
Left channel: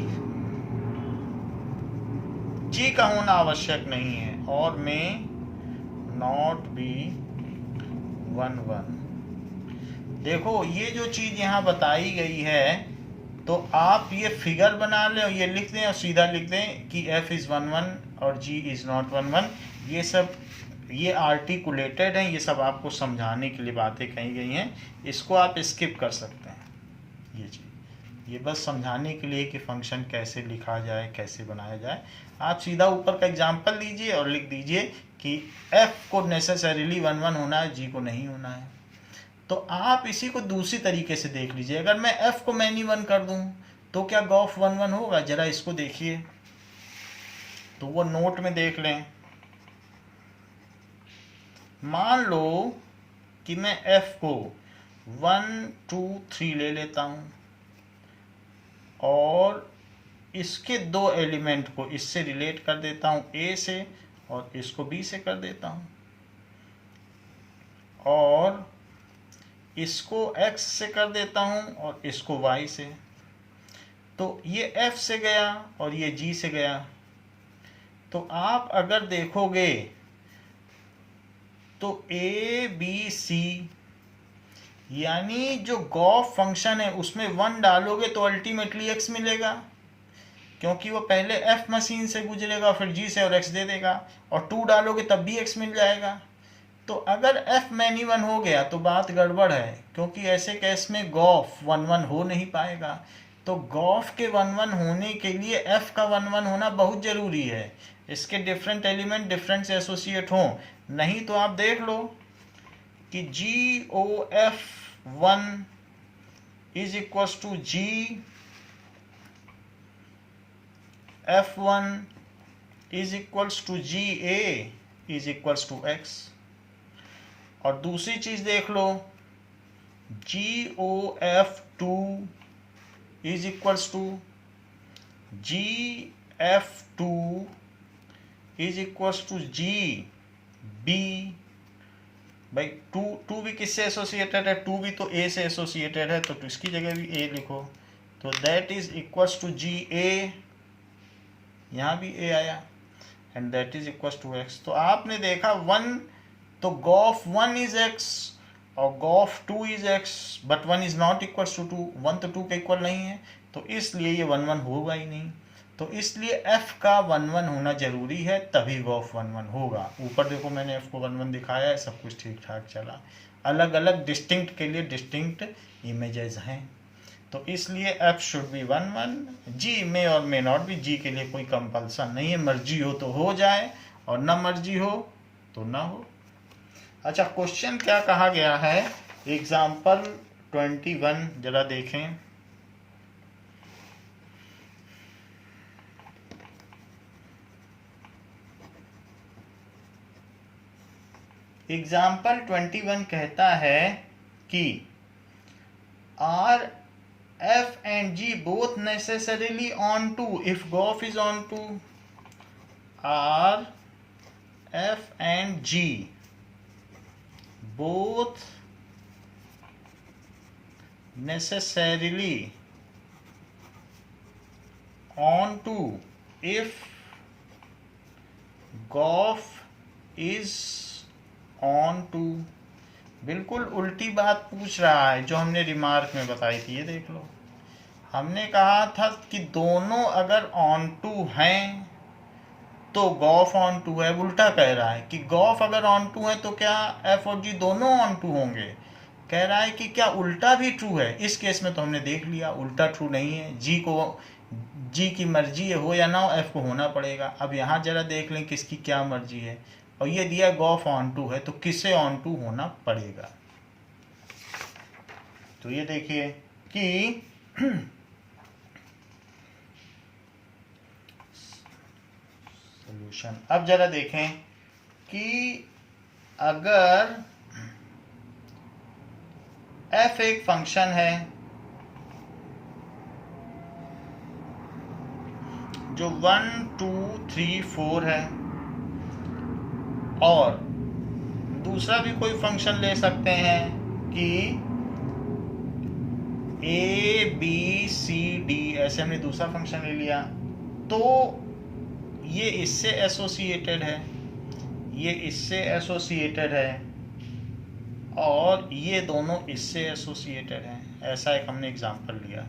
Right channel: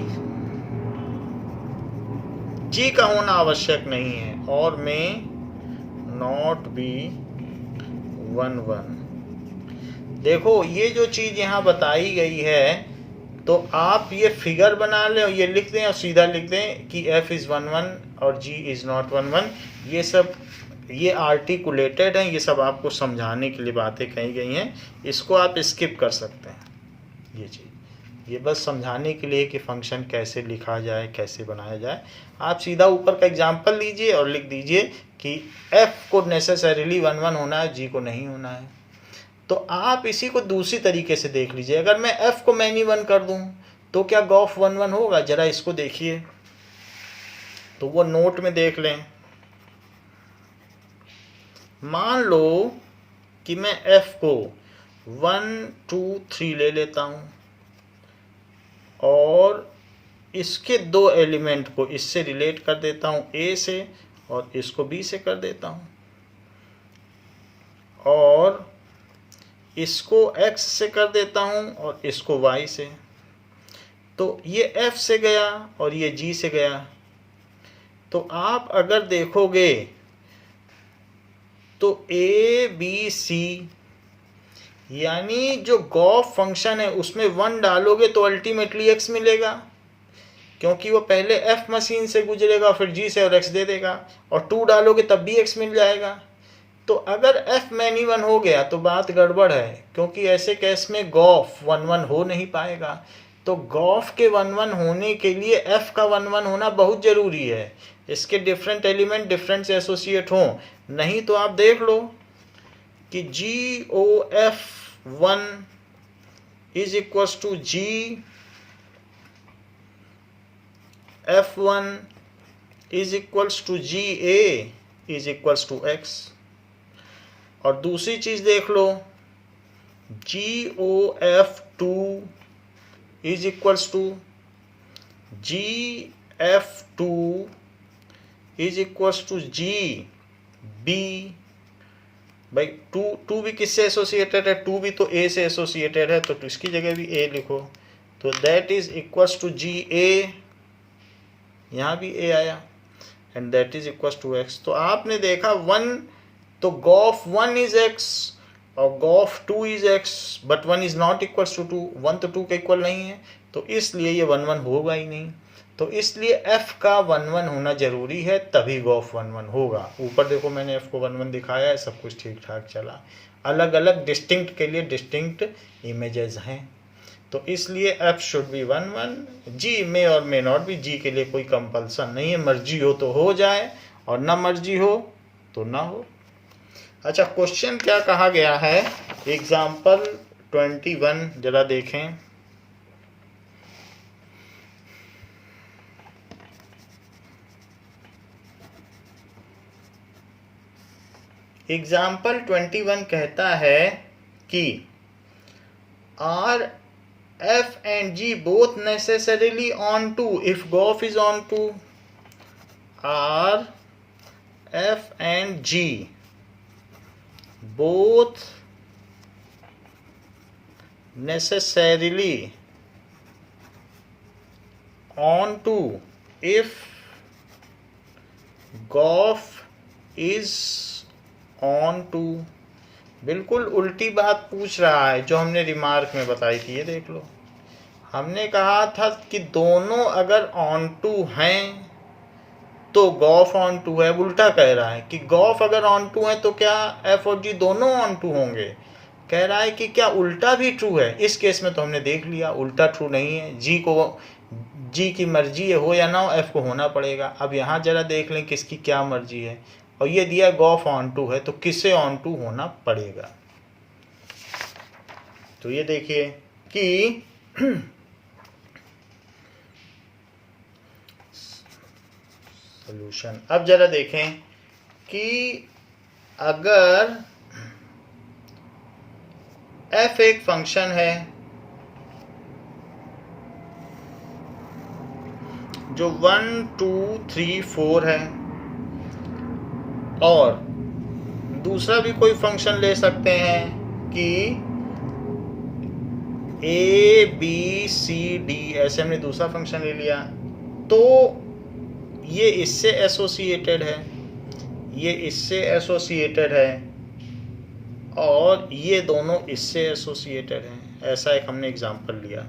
जी का होना आवश्यक नहीं है और में नॉट बी 1 1। देखो ये जो चीज यहाँ बताई गई है तो आप ये फिगर बना लें और ये लिख दें और सीधा लिख दें कि f इज 1 1 और g इज नॉट 1 1। ये सब ये आर्टिकुलेटेड हैं, ये सब आपको समझाने के लिए बातें कही गई हैं, इसको आप स्किप कर सकते हैं। ये चीज ये बस समझाने के लिए कि फंक्शन कैसे लिखा जाए, कैसे बनाया जाए। आप सीधा ऊपर का एग्जाम्पल लीजिए और लिख दीजिए कि f को नेसेसरीली 1 1 होना है, g को नहीं होना है। तो आप इसी को दूसरी तरीके से देख लीजिए, अगर मैं f को मैनी 1 कर दूं तो क्या गॉफ 1 1 होगा? जरा इसको देखिए, तो वो नोट में देख लें। मान लो कि मैं f को 1 2 3 ले लेता हूं और इसके 2 एलिमेंट को इससे रिलेट कर देता हूं a से और इसको b से कर देता हूं और इसको x से कर देता हूं और इसको y से। तो ये f से गया और ये g से गया। तो आप अगर देखोगे तो a b c यानी जो गॉफ फंक्शन है उसमें 1 डालोगे तो अल्टीमेटली x मिलेगा, क्योंकि वो पहले f मशीन से गुजरेगा फिर g से और x दे देगा, और 2 डालोगे तब भी x मिल जाएगा। तो अगर f मैनी 1 हो गया तो बात गड़बड़ है, क्योंकि ऐसे केस में गॉफ 1 1 हो नहीं पाएगा। तो गॉफ के 1 1 होने के लिए f का 1 1 होना बहुत ज़रूरी है, इसके डिफरेंट एलिमेंट डिफरेंट से एसोसिएट हों, नहीं तो आप देख लो कि GOF1 is equals to GF1 is equals to GA is equals to x। और दूसरी चीज देख लो, GOF2 is equals to GF2 is equals to GB। भाई टू भी किससे एसोसिएटेड है? 2 भी तो A से एसोसिएटेड है, तो इसकी जगह भी A लिखो, तो that is equals to GA, यहाँ भी A आया, and that is equals to x। तो आपने देखा 1 तो गॉफ 1 इज x और gof 2 is x but 1 is not equal to 2, 1 तो 2 के इक्वल नहीं है, तो इसलिए ये 1 1 होगा ही नहीं। तो इसलिए f का 1 1 होना जरूरी है, तभी गॉफ 1 1 होगा। ऊपर देखो मैंने f को 1 1 दिखाया है, सब कुछ ठीक ठाक चला। अलग अलग डिस्टिंक्ट के लिए डिस्टिंक्ट इमेजेस हैं, तो इसलिए f शुड बी 1 1। g में और मे नॉट भी, g के लिए कोई कंपल्सन नहीं है, मर्जी हो तो हो जाए और ना मर्जी हो तो ना हो। अच्छा, क्वेश्चन क्या कहा गया है, एग्जाम्पल 21 जरा देखें। एग्जाम्पल 21 कहता है कि are f and g both necessarily on 2 if golf is on 2, are f and g both necessarily on 2 if golf is on 2। बिल्कुल उल्टी बात पूछ रहा है जो हमने रिमार्क में बताई थी। ये देख लो, हमने कहा था कि दोनों अगर ऑन टू हैं तो गॉफ ऑन टू है। उल्टा कह रहा है कि गॉफ अगर ऑन टू है तो क्या एफ और जी दोनों ऑन टू होंगे। कह रहा है कि क्या उल्टा भी ट्रू है। इस केस में तो हमने देख लिया उल्टा ट्रू नहीं है, जी की मर्जी है हो या ना हो, एफ को होना पड़ेगा। अब यहाँ जरा देख लें किसकी क्या मर्जी है, और ये दिया गॉफ ऑन टू है, तो किसे ऑन टू होना पड़ेगा। तो ये देखिए कि सॉल्यूशन। अब जरा देखें कि अगर f एक फंक्शन है जो 1 2 3 4 है, और दूसरा भी कोई फंक्शन ले सकते हैं कि a b c d, ऐसे हमने दूसरा फंक्शन ले लिया, तो ये इससे एसोसिएटेड है, ये इससे एसोसिएटेड है, और ये दोनों इससे एसोसिएटेड हैं। ऐसा एक हमने एग्जांपल लिया।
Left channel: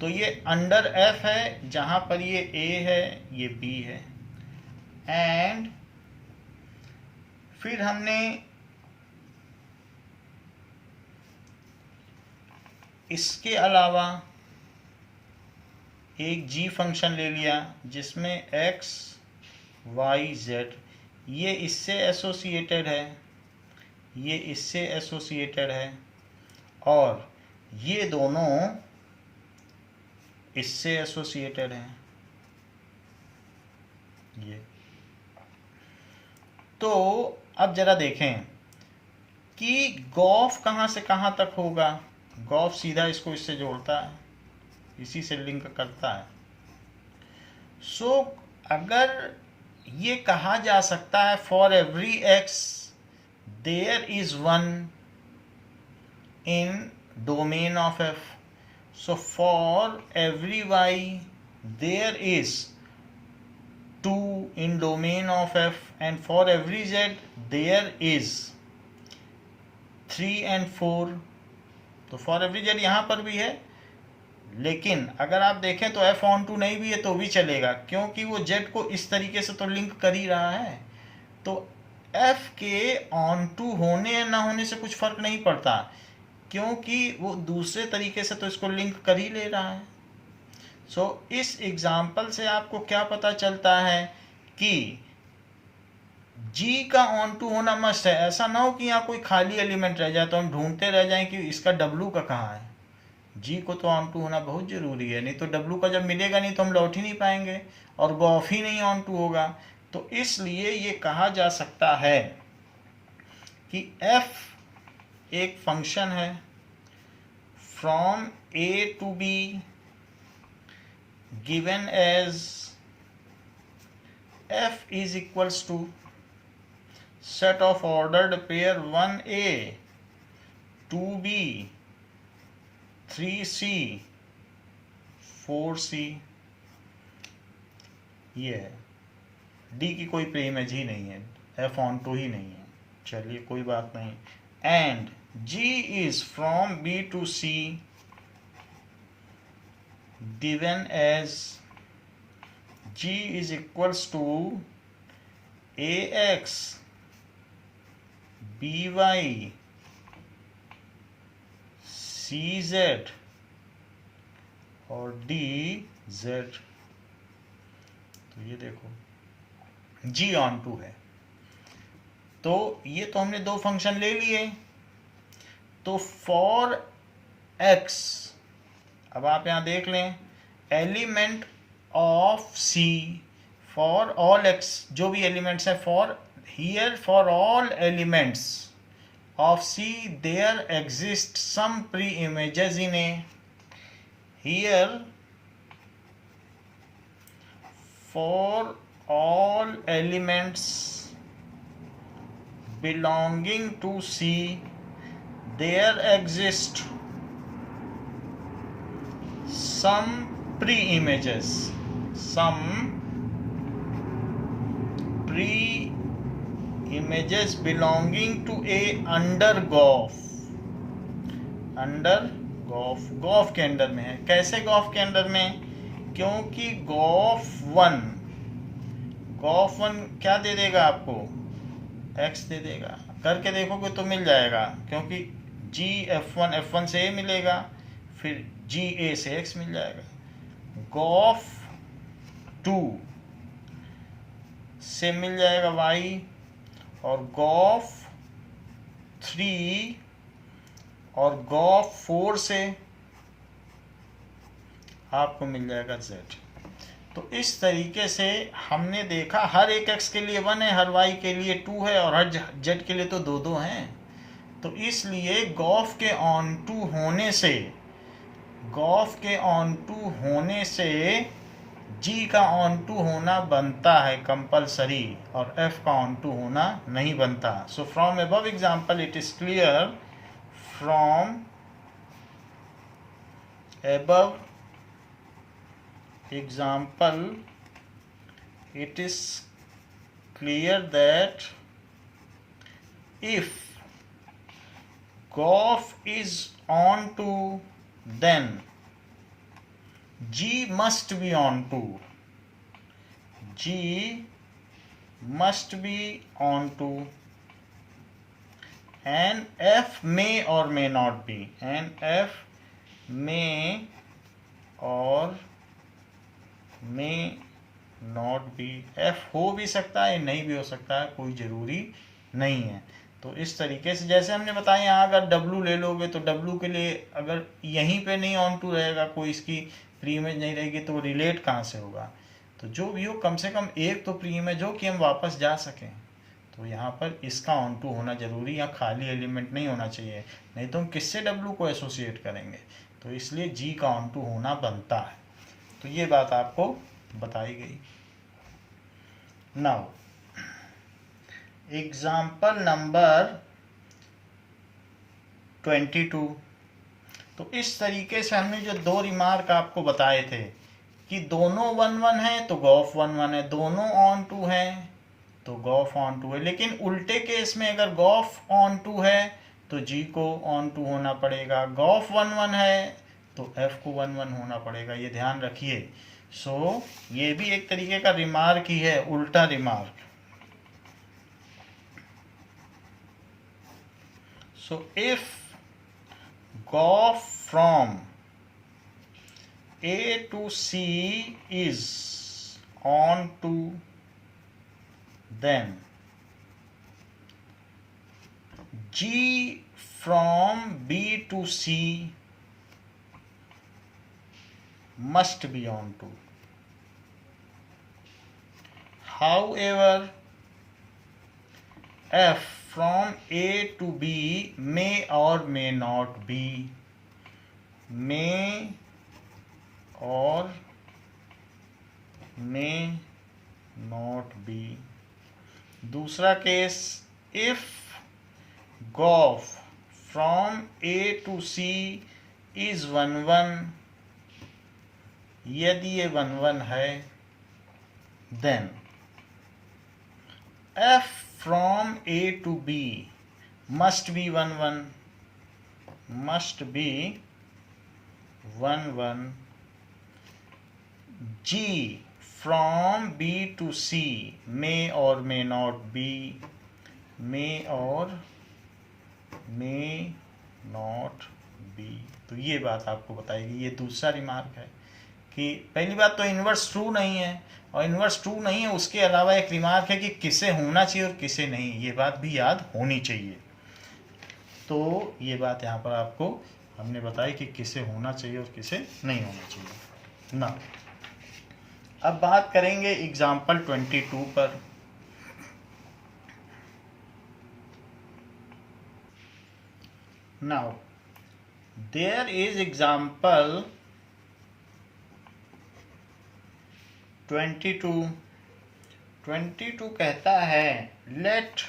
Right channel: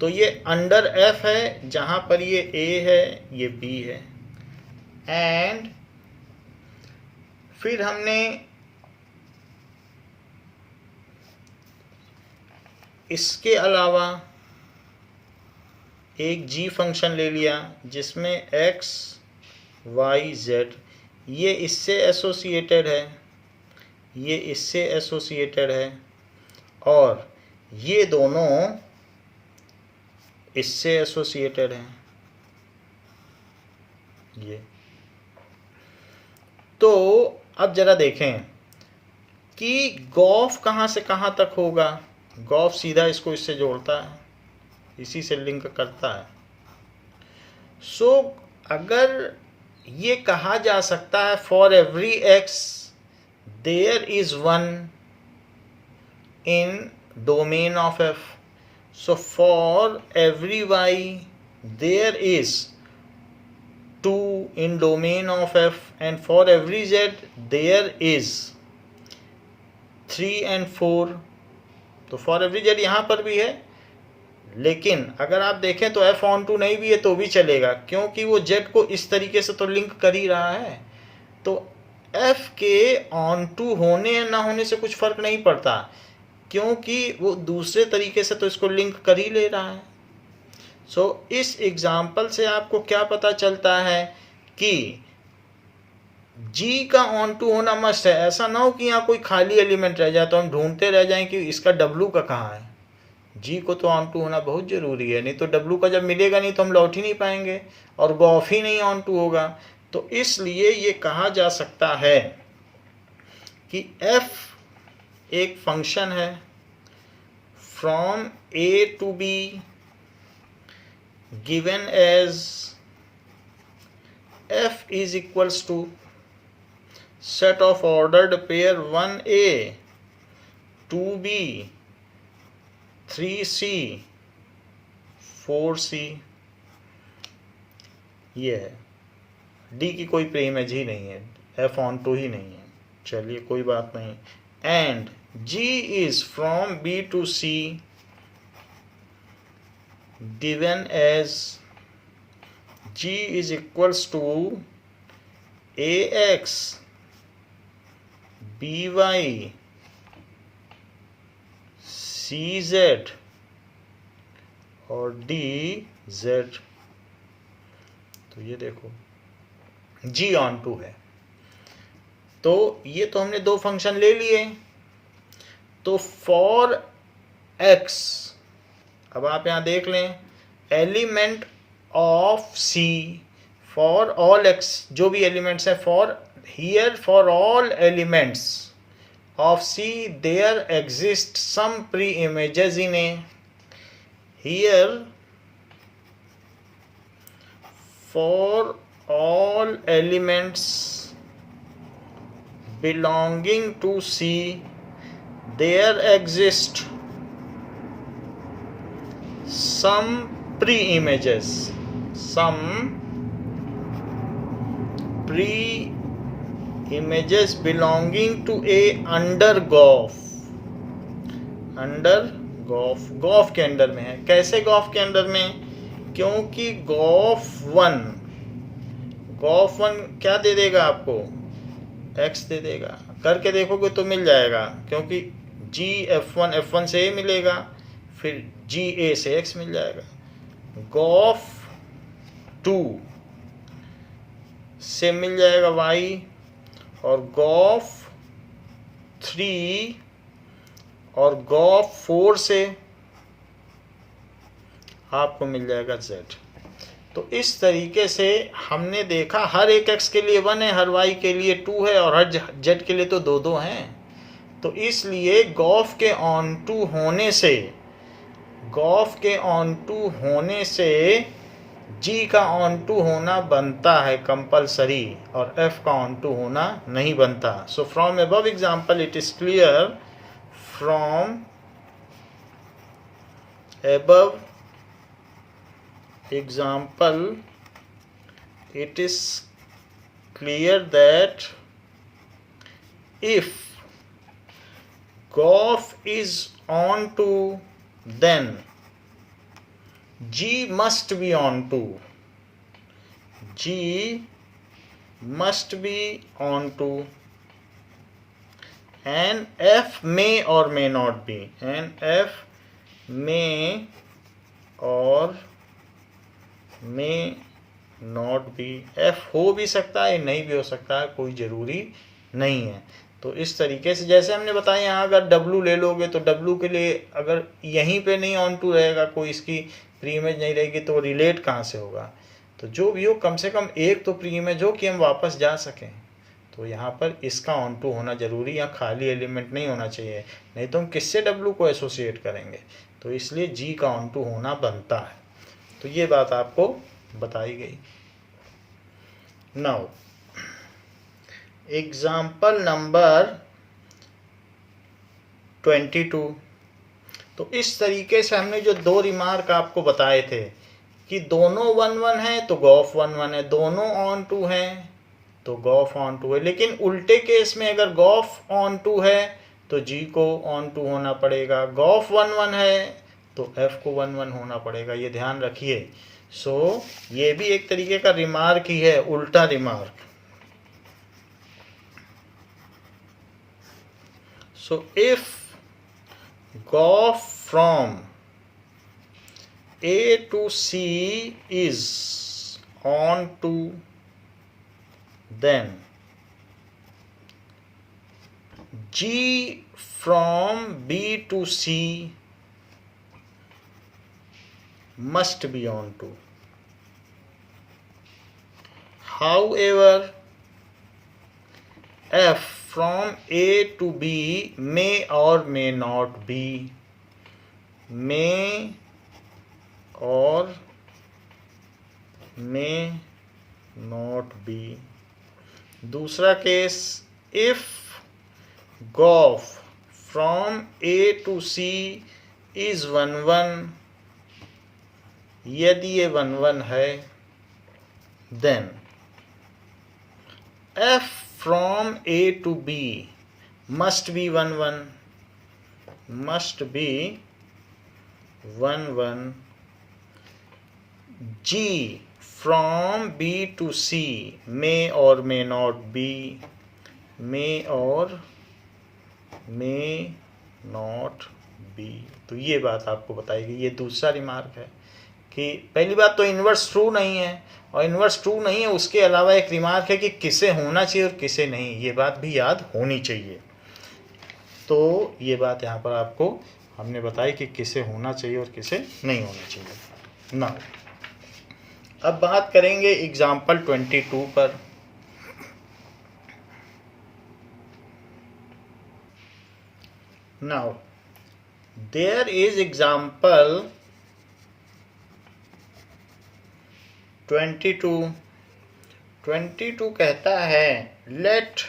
तो ये अंडर f है जहां पर ये a है, ये b है, एंड फिर हमने इसके अलावा एक g फंक्शन ले लिया जिसमें x y z, ये इससे एसोसिएटेड है, ये इससे एसोसिएटेड है, और ये दोनों इससे एसोसिएटेड हैं। ये तो अब जरा देखें कि गॉफ कहाँ से कहाँ तक होगा। गॉफ सीधा इसको इससे जोड़ता है, इसी से लिंक करता है। सो अगर ये कहा जा सकता है for every x there is 1 in domain of f, so for every y there is 2 in domain of f, and for every z there is 3 and 4। तो for every z यहाँ पर भी है, लेकिन अगर आप देखें तो f on 2 नहीं भी है तो भी चलेगा, क्योंकि वो z को इस तरीके से तो लिंक कर ही रहा है। तो f के on 2 होने या ना होने से कुछ फर्क नहीं पड़ता, क्योंकि वो दूसरे तरीके से तो इसको लिंक कर ही ले रहा है। सो इस एग्जाम्पल से आपको क्या पता चलता है कि G का ऑन टू होना मस्ट है। ऐसा ना हो कि यहाँ कोई खाली एलिमेंट रह जाए तो हम ढूंढते रह जाएं कि इसका W का कहाँ है। G को तो ऑन टू होना बहुत ज़रूरी है, नहीं तो W का जब मिलेगा नहीं तो हम लौट ही नहीं पाएंगे और गॉफ ही नहीं ऑन टू होगा। तो इसलिए ये कहा जा सकता है कि f एक फंक्शन है from A to B given as f is equals to set of ordered pair 1a 2b 3c 4c। ये है, d की कोई प्री इमेज ही नहीं है, f ऑन टू ही नहीं है। चलिए कोई बात नहीं। And G is from B to C given as G is equals to AX BY CZ और DZ। तो ये देखो G ऑन टू है। तो ये तो हमने दो फंक्शन ले लिए। तो फॉर x, अब आप यहां देख लें, element of C for all x, जो भी एलिमेंट्स है, for here for all elements of C there exist some preimages in A। Here for all elements belonging to C there exist some pre-images belonging to A under GOF। Under gof के under में है। कैसे Gauff के under में? क्योंकि Gauff one क्या दे देगा आपको? x दे देगा। करके देखोगे तो मिल जाएगा, क्योंकि g f1 से a मिलेगा, फिर g a से x मिल जाएगा। गॉफ 2 से मिल जाएगा y, और गॉफ 3 और गॉफ 4 से आपको मिल जाएगा z। तो इस तरीके से हमने देखा हर एक x के लिए 1 है, हर y के लिए 2 है, और हर z के लिए तो 2 हैं। तो इसलिए गॉफ के ऑन टू होने से g का ऑन टू होना बनता है कंपलसरी, और f का ऑन टू होना नहीं बनता। सो from above example it is clear, from above example it is clear that if GOF is onto, then G must be onto, and F may or may not be, F हो भी सकता है, नहीं भी हो सकता है, कोई ज़रूरी नहीं है। तो इस तरीके से जैसे हमने बताया, यहाँ अगर W ले लोगे तो W के लिए अगर यहीं पे नहीं ऑन टू रहेगा, कोई इसकी प्री इमेज नहीं रहेगी, तो रिलेट कहाँ से होगा? तो जो भी हो, कम से कम एक तो प्री इमेज हो कि हम वापस जा सकें। तो यहाँ पर इसका ऑन टू होना जरूरी, यहाँ खाली एलिमेंट नहीं होना चाहिए, नहीं तो हम किससे W को एसोसिएट करेंगे। तो इसलिए G का ऑन टू होना बनता है। तो ये बात आपको बताई गई। Now example number 22। तो इस तरीके से हमने जो दो रिमार्क आपको बताए थे कि दोनों 1 है तो गॉफ 1 है, दोनों ऑन टू हैं तो गॉफ ऑन टू है। लेकिन उल्टे केस में अगर गॉफ ऑन टू है तो जी को ऑन टू होना पड़ेगा, गॉफ 1 है तो एफ को 1 होना पड़ेगा। ये ध्यान रखिए। सो ये भी एक तरीके का रिमार्क ही है, उल्टा remark. So if gof from A to C is on to, then G from B to C must be on to. However, F from A to B may or may not be, may or may not be। दूसरा case, if GOF from A to C is 1 यदि ये 1 है, then F from A to B must be 1 1, must be 1 1. G from B to C may or may not be, may or may not be. तो ये बात आपको बताएगी। ये दूसरा रिमार्क है कि पहली बात तो इन्वर्स ट्रू नहीं है, और इन्वर्स ट्रू नहीं है उसके अलावा एक रिमार्क है कि किसे होना चाहिए और किसे नहीं, ये बात भी याद होनी चाहिए। तो ये बात यहाँ पर आपको हमने बताई कि किसे होना चाहिए और किसे नहीं होना चाहिए ना। अब बात करेंगे एग्जाम्पल 22 पर। नाउ देयर इज एग्जाम्पल 22 कहता है late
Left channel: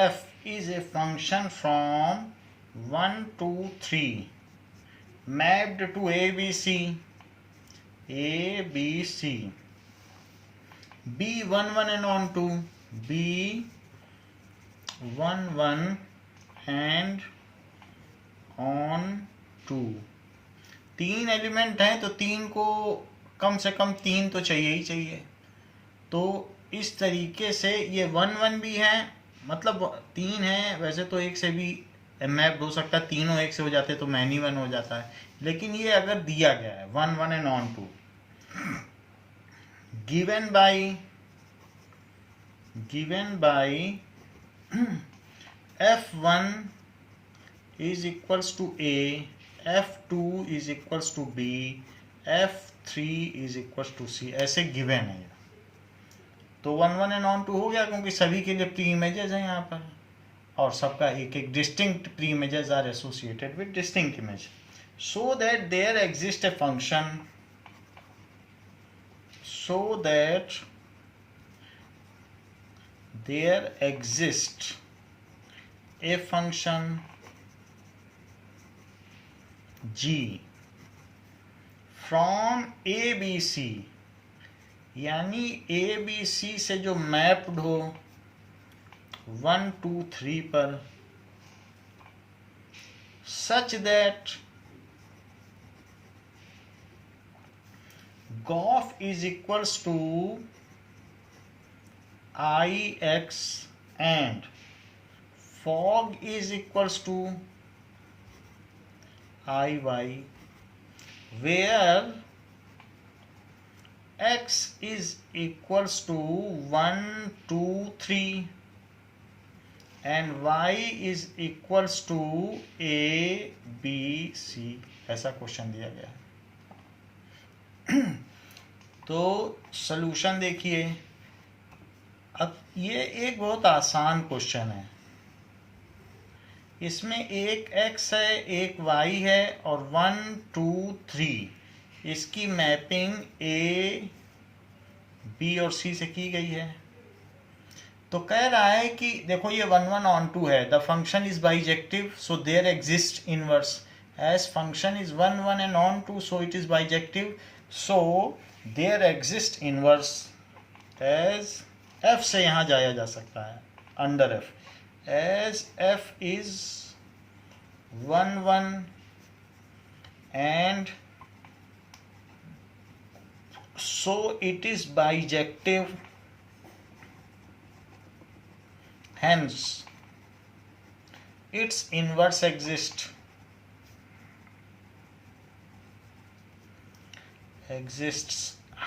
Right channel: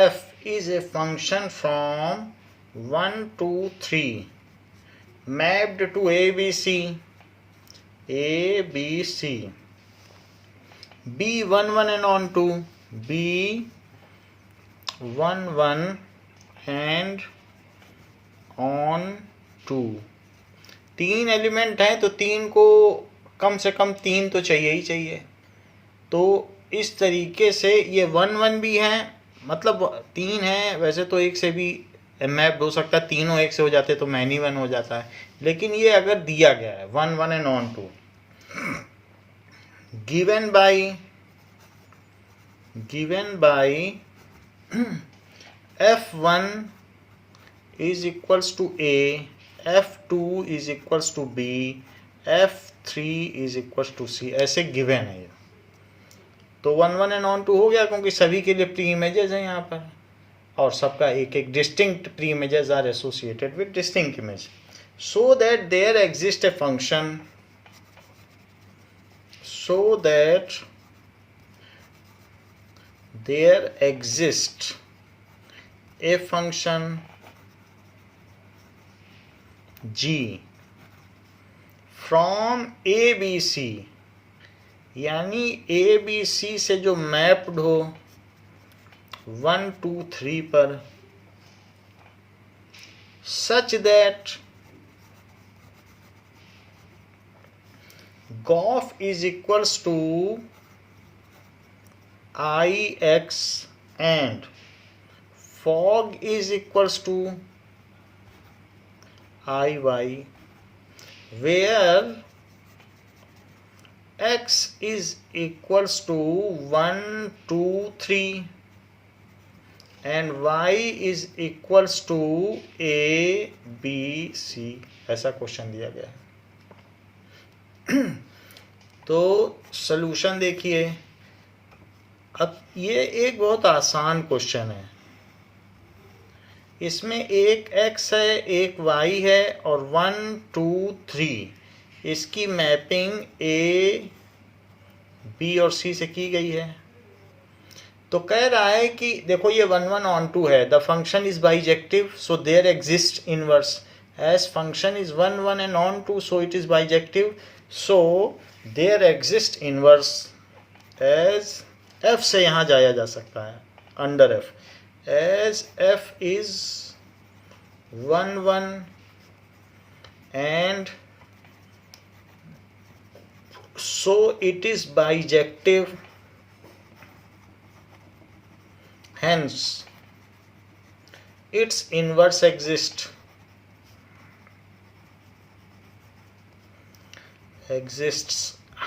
f is a function from 1 to 3 mapped to ABC B 1 1 and on to B 1 1 and on to। 3 element हैं तो 3 को कम से कम 3 तो चाहिए ही चाहिए। तो इस तरीके से ये 1 1 भी हैं, मतलब 3 हैं, वैसे तो एक से भी मैप हो सकता है, तीनों एक से हो जाते तो मैनी 1 हो जाता है, लेकिन ये अगर दिया गया है 1 1 and on to given by f1 is equals to A, f2 is equals to B, f3 is equals to C, ऐसे गिवन है। तो 1 1 and on to हो गया क्योंकि सभी के लिए प्री इमेजेस हैं यहाँ पर, और सबका एक एक distinct preimages are associated with distinct image, so that there exist a function, so that there exists a function g from ABC, यानी ABC से जो मैप्ड हो 1 2 3 पर, such that GOF is equals to IX and FOG is equals to IY, where X is equals to 1 2 3 and Y is equals to A B C, ऐसा question दिया गया है। तो सॉल्यूशन देखिए, अब ये एक बहुत आसान क्वेश्चन है। इसमें एक x है, एक y है और 1 2 3 इसकी मैपिंग A B और C से की गई है। तो कह रहा है कि देखो ये 1 1 on 2 है, the function is bijective so there exist inverse, as function is 1 1 and on 2 so it is bijective, so there exist inverse as f से यहाँ जाया जा सकता है under f, as f is 1 1 and so it is bijective, hence its inverse exists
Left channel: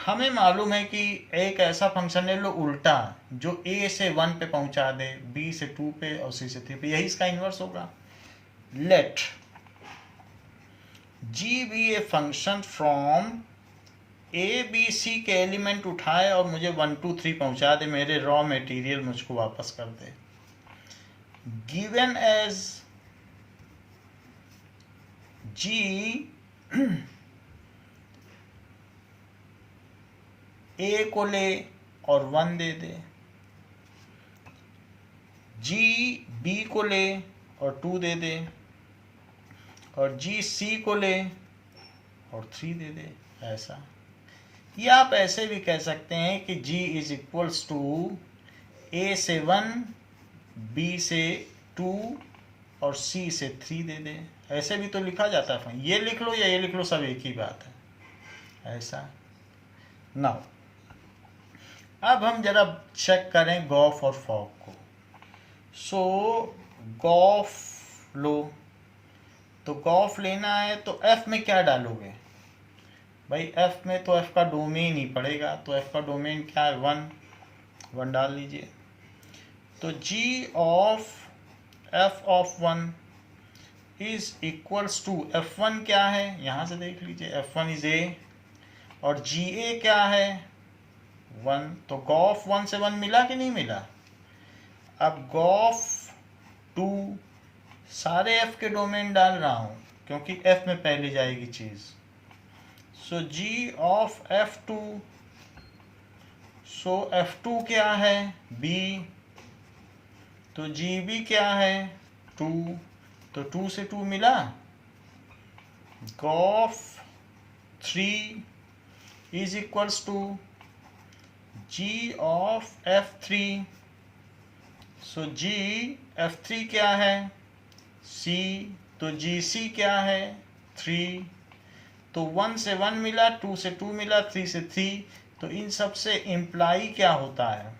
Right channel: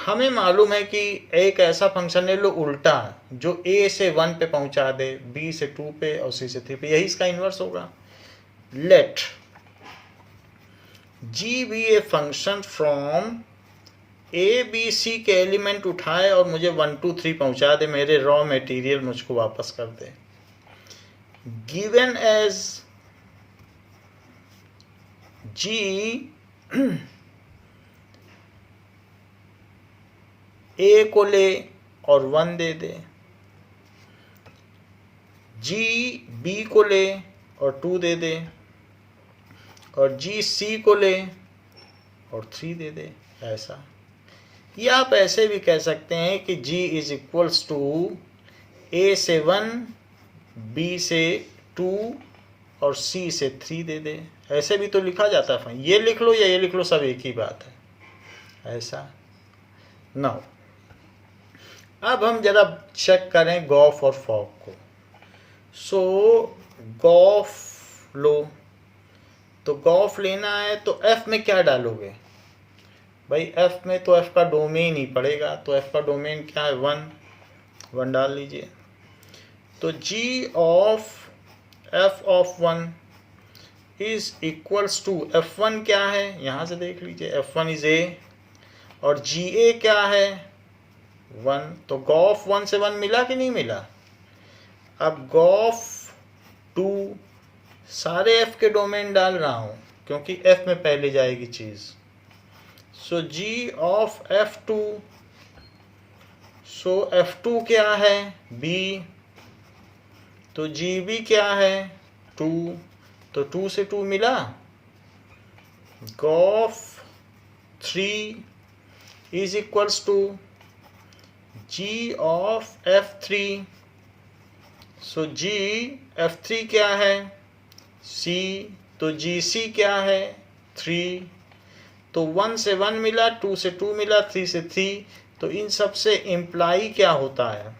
हमें मालूम है कि एक ऐसा फंक्शन ले लो उल्टा जो a से 1 पे पहुंचा दे, b से 2 पे और c से 3 पे, यही इसका इन्वर्स होगा। Let g be a function from a b c के एलिमेंट उठाए और मुझे 1 2 3 पहुंचा दे, मेरे रॉ मटेरियल मुझको वापस कर दे। गिवन एज g a को ले और 1 दे दे, g b को ले और 2 दे दे, और g c को ले और 3 दे दे। ऐसा, या आप ऐसे भी कह सकते हैं कि g इज इक्वल्स टू ए से 1, बी से 2 और सी से 3 दे दे। ऐसे भी तो लिखा जाता है, ये लिख लो या ये लिख लो, सब एक ही बात है। ऐसा नाउ अब हम जरा चेक करें गॉफ और फॉग को। सो गॉफ लो, तो गॉफ लेना है तो एफ में क्या डालोगे भाई? एफ में तो एफ का डोमेन ही पड़ेगा, तो एफ का डोमेन क्या है? 1 डाल लीजिए। तो G of F of 1 is equals to F1 क्या है, यहाँ से देख लीजिए, F1 इज ए और जी ए क्या है? 1। तो गॉफ 1 से 1 मिला कि नहीं मिला? अब गॉफ 2 सारे एफ के डोमेन डाल रहा हूँ क्योंकि एफ में पहले जाएगी चीज़। सो जी ऑफ F2, सो F2 क्या है? B, तो GB क्या है? 2, तो 2 से 2 मिला। Gof 3 is equals to G of F3, सो G F3 क्या है? C, तो GC क्या है? 3, तो 1 से 1 मिला, 2 से 2 मिला, 3 से 3। तो इन सब से इम्प्लाई क्या होता है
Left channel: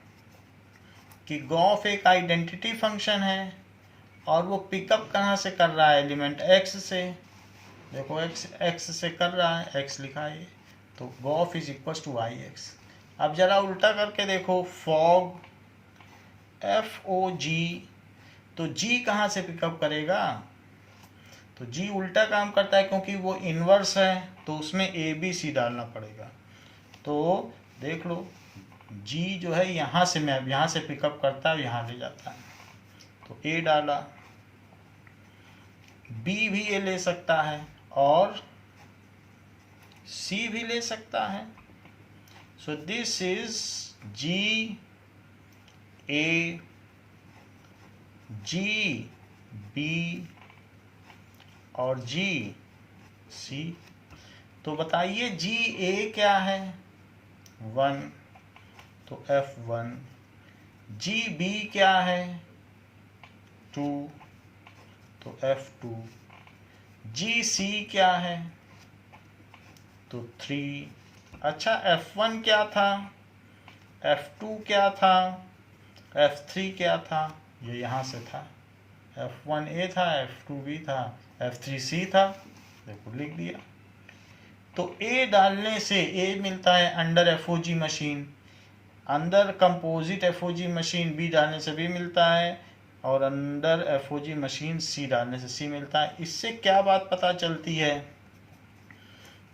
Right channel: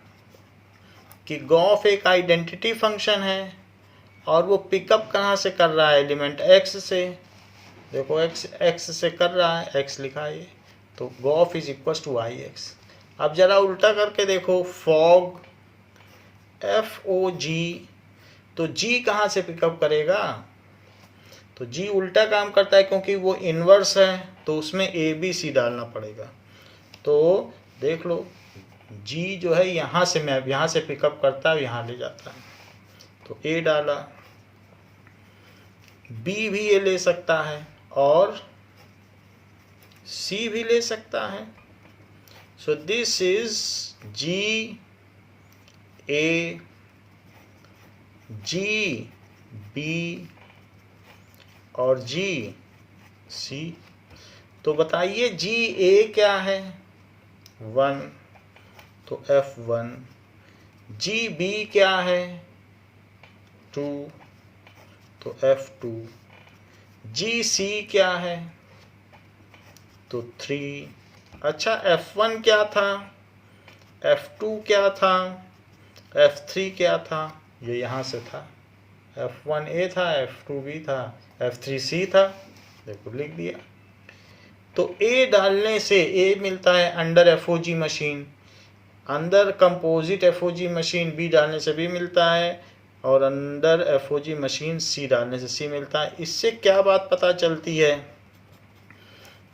कि गॉफ एक आइडेंटिटी फंक्शन है और वो पिकअप कहाँ से कर रहा है? एलिमेंट x से। देखो x से कर रहा है, x लिखा है, तो gof is equal to ix। अब जरा उल्टा करके देखो, फॉग FOG, तो G कहाँ से पिकअप करेगा? तो G उल्टा काम करता है क्योंकि वो इन्वर्स है, तो उसमें ABC डालना पड़ेगा। तो देख लो, G जो है यहाँ से मैं यहाँ से पिकअप करता है, यहाँ ले जाता है, तो A डाला। B भी ये ले सकता है और C भी ले सकता है। So this is G A, G B और G C। तो बताइए G A क्या है? 1, तो F1। G B क्या है? 2, तो F2। G C क्या है? तो 3। अच्छा, F1 क्या था? F2 क्या था? F3 क्या था? ये यहाँ से था। F1 A था, F2 B था, F3 C था, देखो लिख दिया। तो A डालने से A मिलता है अंडर FOG मशीन, अंदर कंपोजिट FOG मशीन B डालने से B मिलता है, और अंडर FOG मशीन C डालने से C मिलता है। इससे क्या बात पता चलती है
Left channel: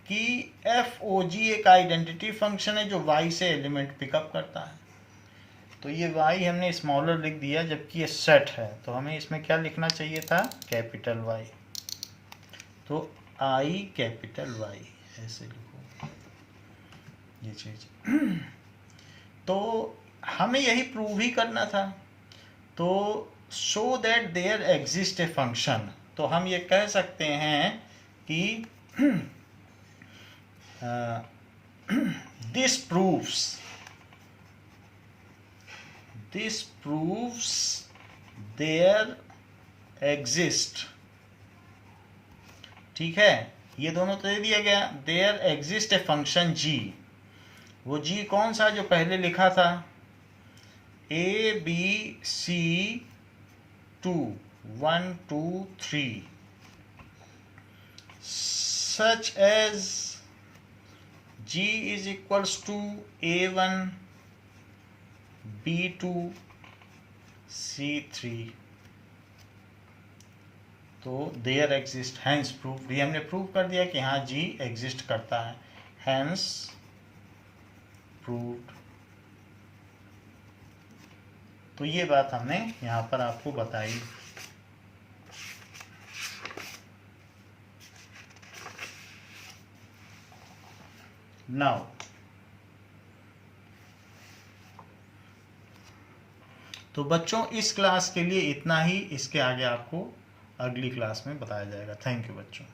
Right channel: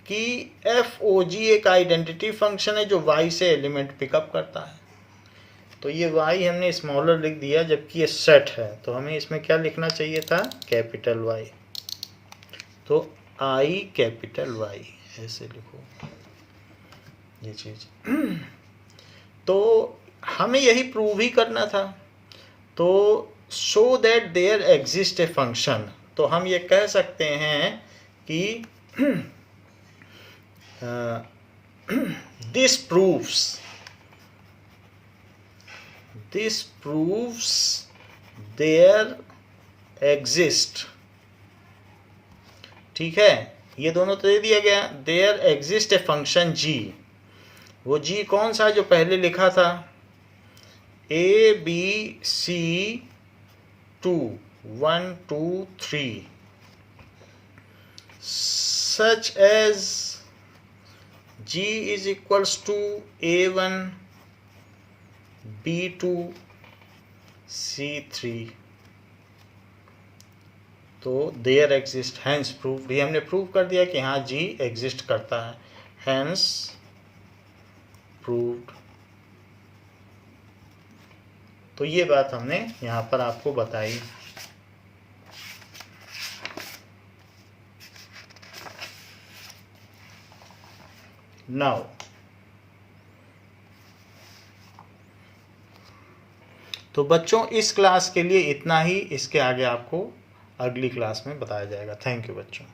कि FOG एक आइडेंटिटी फंक्शन है जो Y से एलिमेंट पिकअप करता है। तो ये Y हमने स्मॉलर लिख दिया, जबकि ये सेट है, तो हमें इसमें क्या लिखना चाहिए था? Capital Y। तो I कैपिटल Y ऐसे लिखो ये चीज़। तो हमें यही प्रूव ही करना था। तो show that there exist a function, तो हम ये कह सकते हैं कि दिस proves देयर एग्जिस्ट। ठीक है, ये दोनों तो दे दिया गया। There exist a function G, वो G कौन सा है जो पहले लिखा था? ABC 2 1 2 3 such as G is equals to A1 B2 C3। तो देयर एग्जिस्ट, हैंस प्रूफ, ये हमने प्रूव कर दिया कि हाँ G एग्जिस्ट करता है, हैंस प्रूव्ड। तो ये बात हमने यहाँ पर आपको बताई। नाउ तो बच्चों, इस क्लास के लिए इतना ही। इसके आगे आपको अगली क्लास में बताया जाएगा। थैंक यू बच्चों।